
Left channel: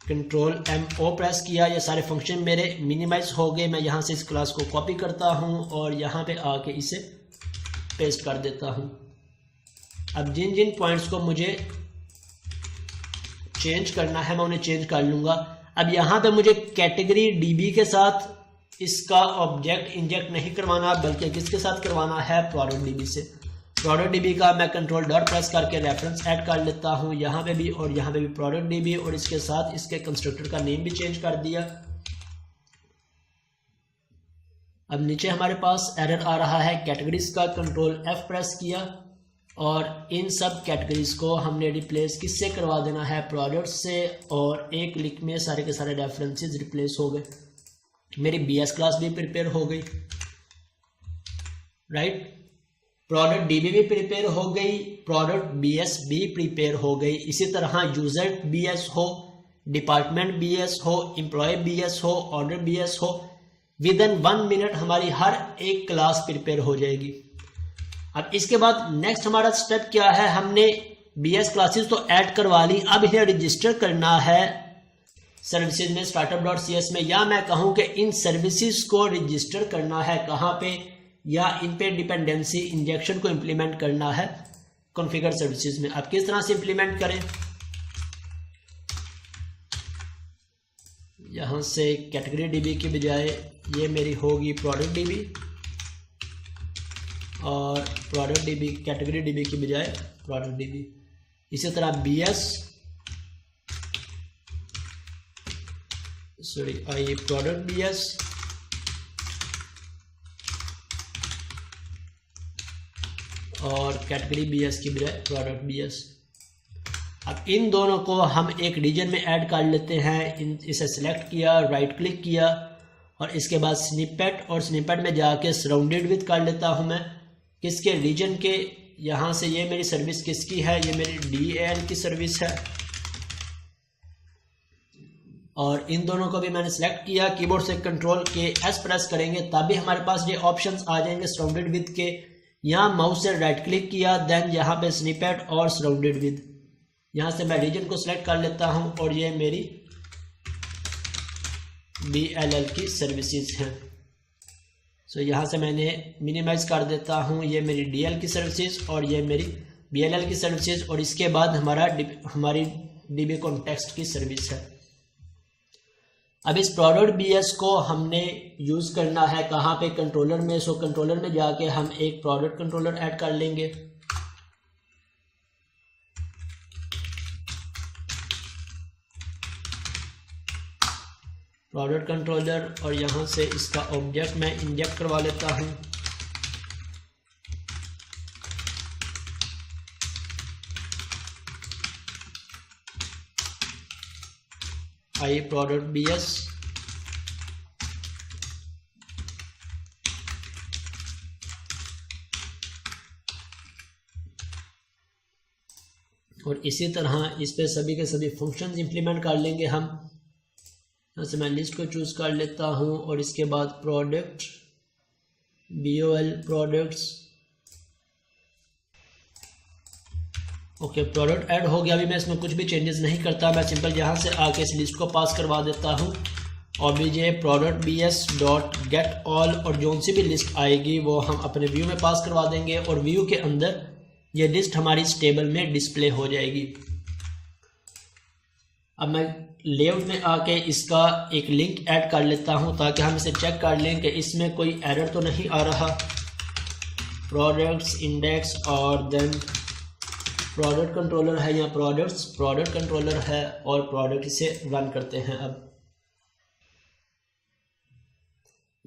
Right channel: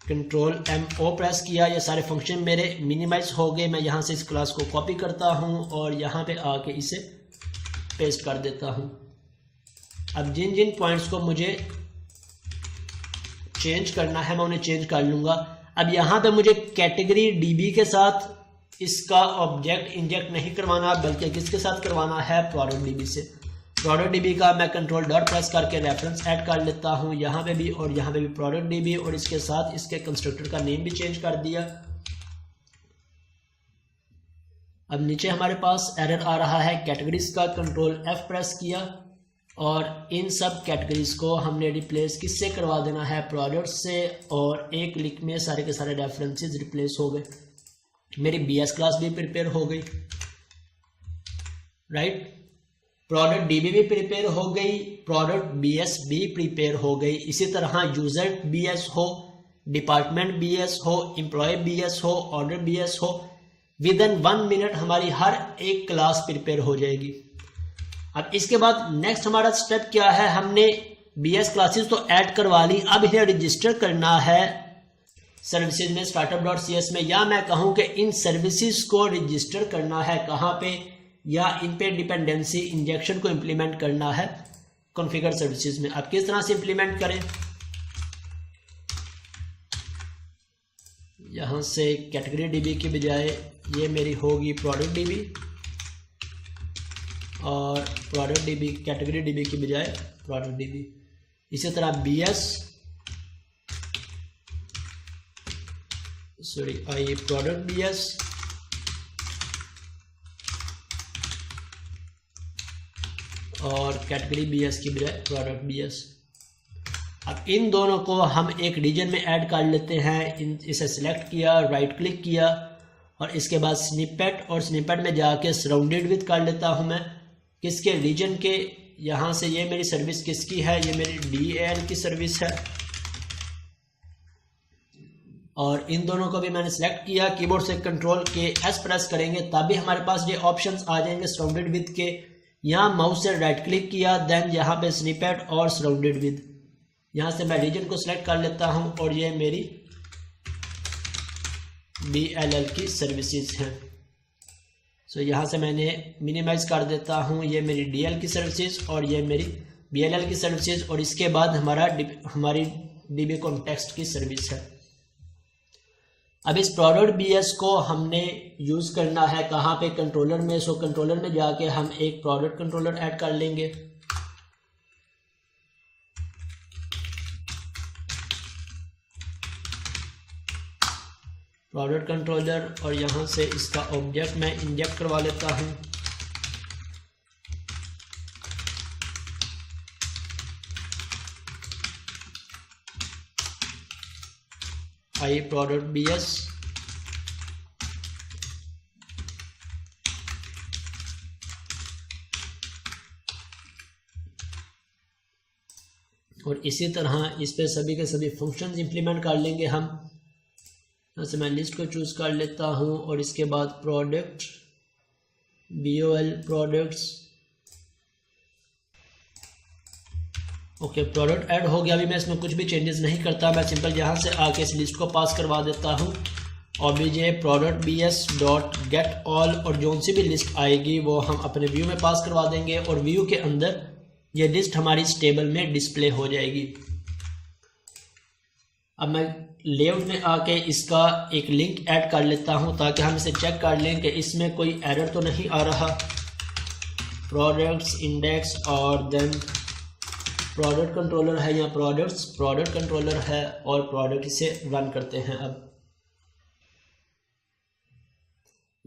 कंट्रोल M-O प्रेस किया, ये सारे फंक्शन मेरे मिनिमाइज हो गए। मैं यहाँ से इस क्लास को कॉपी करता हूँ और यहाँ पे आके इसे पेस्ट कर देता हूँ। अब जिन जिन पॉइंट्स को मुझे चेंज करना है मैं उन्हें चेंज कर लूँगा। अब यहाँ पे मुझे कैटेगरी DB के साथ इसका ऑब्जेक्ट इंजेक्ट नहीं करवाना, बल्कि किसके साथ करवाना है? प्रोडक्ट DB से। प्रोडक्ट DB का मैं कंट्रोल डॉट प्रेस करके रेफरेंस ऐड कर लेता हूँ यहाँ पे भी और यहाँ पे भी प्रोडक्ट DB, और इसके साथ इसके कंस्ट्रक्टर का नेम भी चेंज कर दिया। अब नीचे हमारे पास एरर आ रहा है कैटेगरीज का, कंट्रोल F प्रेस किया और इन सब कैटेगरीज को हमने रिप्लेस किससे करवा देना है? प्रोडक्ट से, और एक क्लिक में सारे के सारे रेफरेंसेस रिप्लेस हो गए। मेरी BS क्लास भी प्रिपेयर हो गई, राइट। प्रोडक्ट DB भी प्रिपेयर हो गई, प्रोडक्ट BS भी प्रिपेयर हो गई। इसी तरह यूजर BS हो, डिपार्टमेंट BS हो, एम्प्लॉय BS हो, ऑर्डर BS हो, विद इन 1 मिनट हमारी हर एक क्लास प्रिपेयर हो जाएगी। अब इसके बाद नेक्स्ट हमारा स्टेप क्या है? हमने BS क्लासेस तो ऐड करवा ली, अब इन्हें रजिस्टर करना है सर्विसेज में, startup.cs में, या मैं कहूं कि इन सर्विसेज को रजिस्टर करना है कहां पे, या इन पे डिपेंडेंसी इंजेक्शन को इंप्लीमेंट करना है कॉन्फ़िगर सर्विसेज में। अब किस तरह से इंप्लीमेंट करें? यहां से कैटेगरी DB की बजाय ये मेरी होगी प्रोडक्ट DB, और प्रोडक्ट DB कैटेगरी DB की बजाय प्रोडक्ट DB। इसी तरह BS, sorry I product BS, और कैटेगरी BS की बजाय प्रोडक्ट BS। अब इन दोनों को हम एक रीजन में ऐड कर लेते हैं। इसे सिलेक्ट किया, राइट क्लिक किया और इसके बाद स्निपेट, और स्निपेट में जाके सराउंडेड विद कर लेता हूं मैं किसके? रीजन के। यहाँ से ये मेरी सर्विस किसकी है? ये मेरी DAL की सर्विस है, और इन दोनों को भी मैंने सिलेक्ट किया। कीबोर्ड से कंट्रोल के S प्रेस करेंगे तभी हमारे पास ये ऑप्शंस आ जाएंगे सराउंडेड विद के। यहाँ माउस से राइट क्लिक किया, देन यहाँ पे स्निपेट और सराउंडेड विद, यहाँ से मैं रीजन को सिलेक्ट कर लेता हूँ और ये मेरी DLL की सर्विसेज हैं। सो यहाँ से मैंने मिनिमाइज कर देता हूँ, ये मेरी DL की सर्विसेज और ये मेरी BLL की सर्विसेज, और इसके बाद हमारी DB कॉन्टेक्स्ट की सर्विस है। अब इस प्रोडक्ट BS को हमने यूज करना है कहाँ पे? कंट्रोलर में। सो कंट्रोलर में जाके हम एक प्रोडक्ट कंट्रोलर ऐड कर लेंगे। प्रोडक्ट कंट्रोलर, और यहाँ से इसका ऑब्जेक्ट मैं इंजेक्ट करवा लेता हूँ। आई प्रोडक्ट BS, और इसी तरह इस पे सभी के सभी फंक्शंस इंप्लीमेंट कर लेंगे हम। यहाँ से मैं लिस्ट को चूज कर लेता हूँ और इसके बाद product BOL products, okay product add हो गया। अभी मैं इसमें कुछ भी चेंजेस नहीं करता, मैं सिंपल यहाँ से आके इस लिस्ट को पास करवा देता हूँ obj product BS dot get all, और जो सी भी लिस्ट आएगी वो हम अपने व्यू में पास करवा देंगे और व्यू के अंदर ये लिस्ट हमारी इस टेबल में डिस्प्ले हो जाएगी। अब मैं लेआउट में आके इसका एक लिंक ऐड कर लेता हूं ताकि हम इसे चेक कर लें कि इसमें कोई एरर तो नहीं आ रहा। प्रोडक्ट्स इंडेक्स और देन प्रोडक्ट कंट्रोलर है, या प्रोडक्ट्स प्रोडक्ट कंट्रोलर है और प्रोडक्ट, इसे रन करते हैं। अब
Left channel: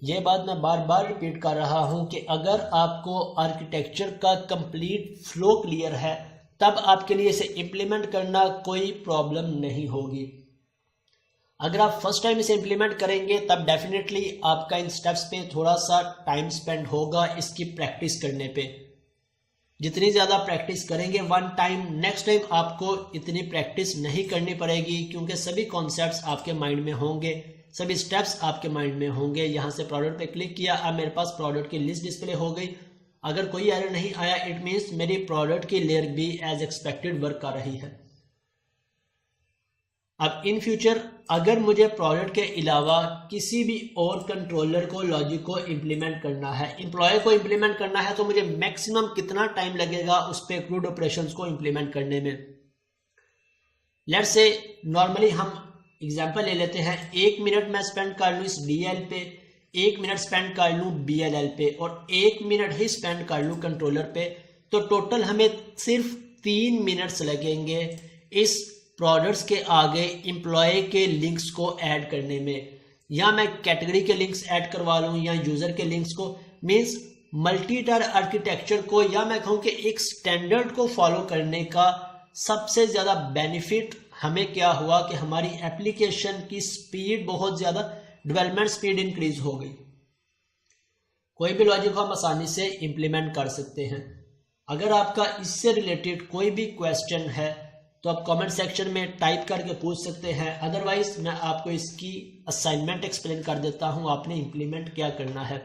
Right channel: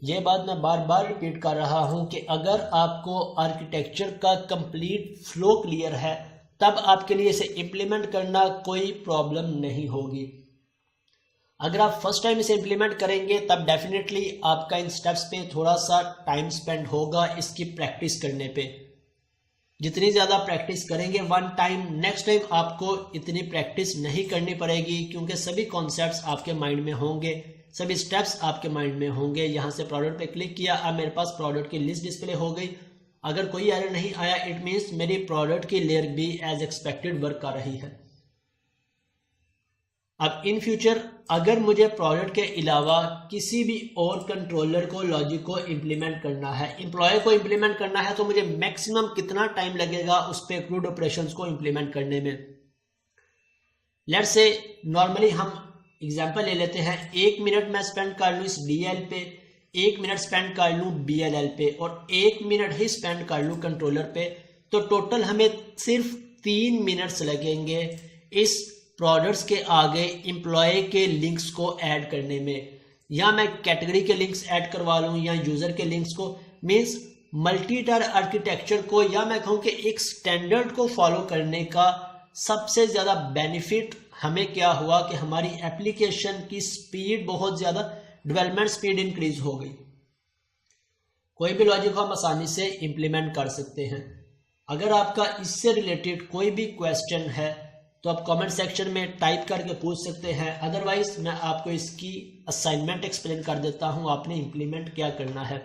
ये बात मैं बार बार रिपीट कर रहा हूं कि अगर आपको आर्किटेक्चर का कंप्लीट फ्लो क्लियर है तब आपके लिए इसे इम्प्लीमेंट करना कोई प्रॉब्लम नहीं होगी। अगर आप फर्स्ट टाइम इसे इम्प्लीमेंट करेंगे तब डेफिनेटली आपका इन स्टेप्स पे थोड़ा सा टाइम स्पेंड होगा इसकी प्रैक्टिस करने पे। जितनी ज़्यादा प्रैक्टिस करेंगे वन टाइम, नेक्स्ट टाइम आपको इतनी प्रैक्टिस नहीं करनी पड़ेगी क्योंकि सभी कॉन्सेप्ट्स आपके माइंड में होंगे, सभी स्टेप्स आपके माइंड में होंगे। यहाँ से प्रोडक्ट पे क्लिक किया, अब मेरे पास प्रोडक्ट की लिस्ट डिस्प्ले हो गई। अगर कोई एरर नहीं आया इट मीन्स मेरी प्रोडक्ट की लेयर भी एज एक्सपेक्टेड वर्क कर रही है। अब इन फ्यूचर अगर मुझे प्रोडक्ट के अलावा किसी भी और कंट्रोलर को, लॉजिक को इम्प्लीमेंट करना है, एम्प्लॉय को इम्प्लीमेंट करना है, तो मुझे मैक्सिमम कितना टाइम लगेगा उस पे क्रूड ऑपरेशंस को इम्प्लीमेंट करने में। लेट्स से नॉर्मली हम एग्जांपल ले लेते हैं, 1 मिनट मैं स्पेंड कर लूँ इस DL पे, 1 मिनट स्पेंड कर लूँ BLL पे और 1 मिनट ही स्पेंड कर लूँ कंट्रोलर पे, तो टोटल हमें सिर्फ 3 मिनट्स लगेंगे इस प्रोडक्ट्स के आगे एम्प्लॉय के लिंक्स को ऐड करने में। या मैं कैटेगरी के लिंक्स ऐड करवा लूँ या यूजर के लिंक्स को, मीन्स मल्टी टायर आर्किटेक्चर को, या मैं कहूँ कि एक स्टैंडर्ड को फॉलो करने का सबसे ज़्यादा बेनिफिट हमें क्या हुआ कि हमारी एप्लीकेशन की स्पीड बहुत ज़्यादा, डेवलपमेंट स्पीड इंक्रीज हो गई। कोई भी लॉजिक हम आसानी से इंप्लीमेंट कर सकते हैं। अगर आपका इससे रिलेटेड कोई भी क्वेश्चन है तो आप कमेंट सेक्शन में टाइप करके पूछ सकते हैं, अदरवाइज मैं आपको इसकी असाइनमेंट एक्सप्लेन कर देता हूँ, आपने इंप्लीमेंट क्या करना है।